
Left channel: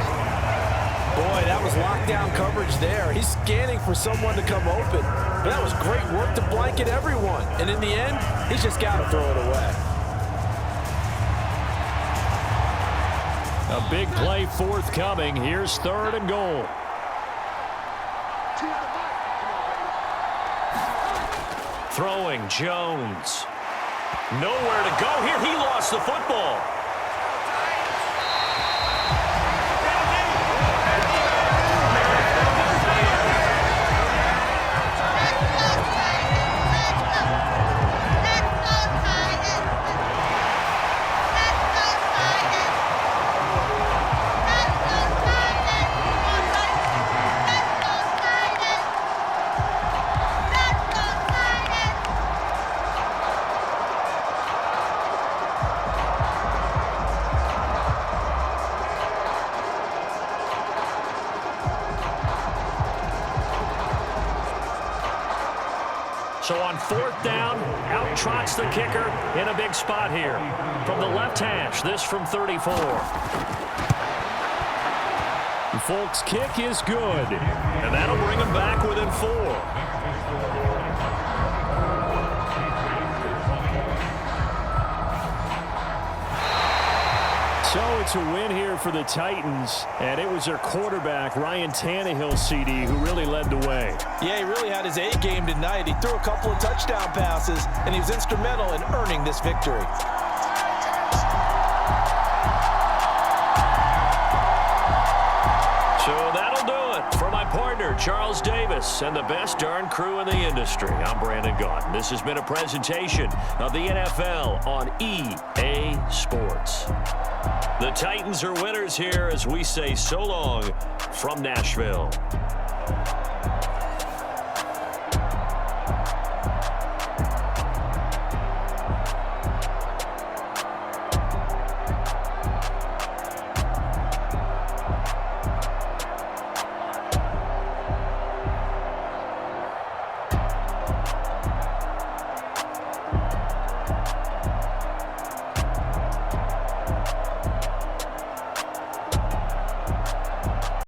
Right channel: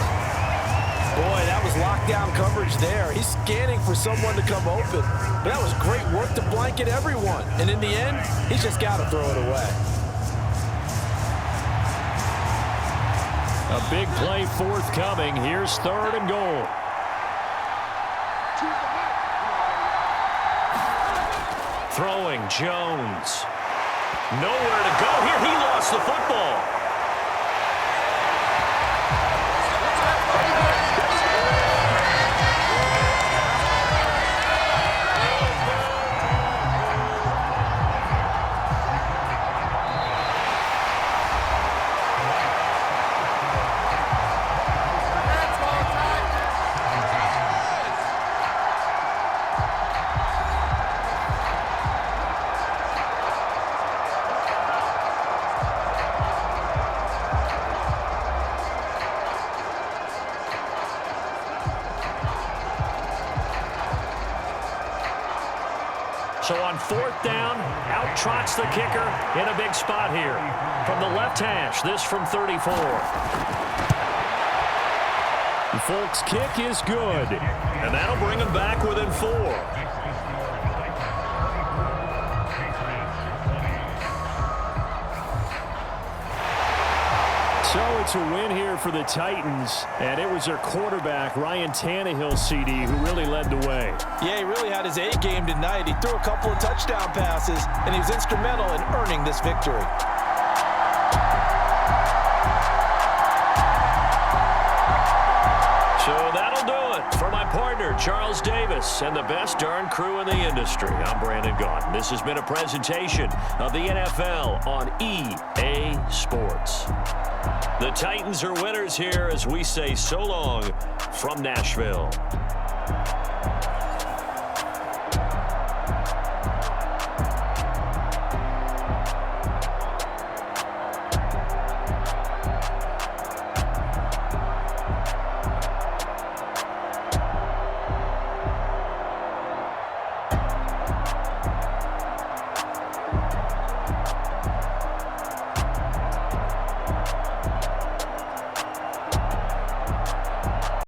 Boy, that was lockdown coverage there. He's scanning for someone to come open. But that was great work to blanket everyone. And in the end, he's just got to throw it away. A big play forthcoming. Here's 3rd and goal. Throwing Jones. Nowhere to go here. He lost the football. So on 4th down, out trots the kicker in a big spot here. From the left hash, this from 34. Folks' kick is good, and that'll bring them back within 4. So it's a win here for the Titans, and it was their quarterback, Ryan Tannehill, CD, who really led the way. Yeah, he really had his A game tonight. He threw a couple of touchdown passes, and he was instrumental in earning this victory. So that'll do it. For my partner, Charles Davis, and the best darn crew in the industry, I'm Brandon Gaudin. This has been a presentation of the NFL on EA Sports. The Titans are winners here as we say so long from Nashville.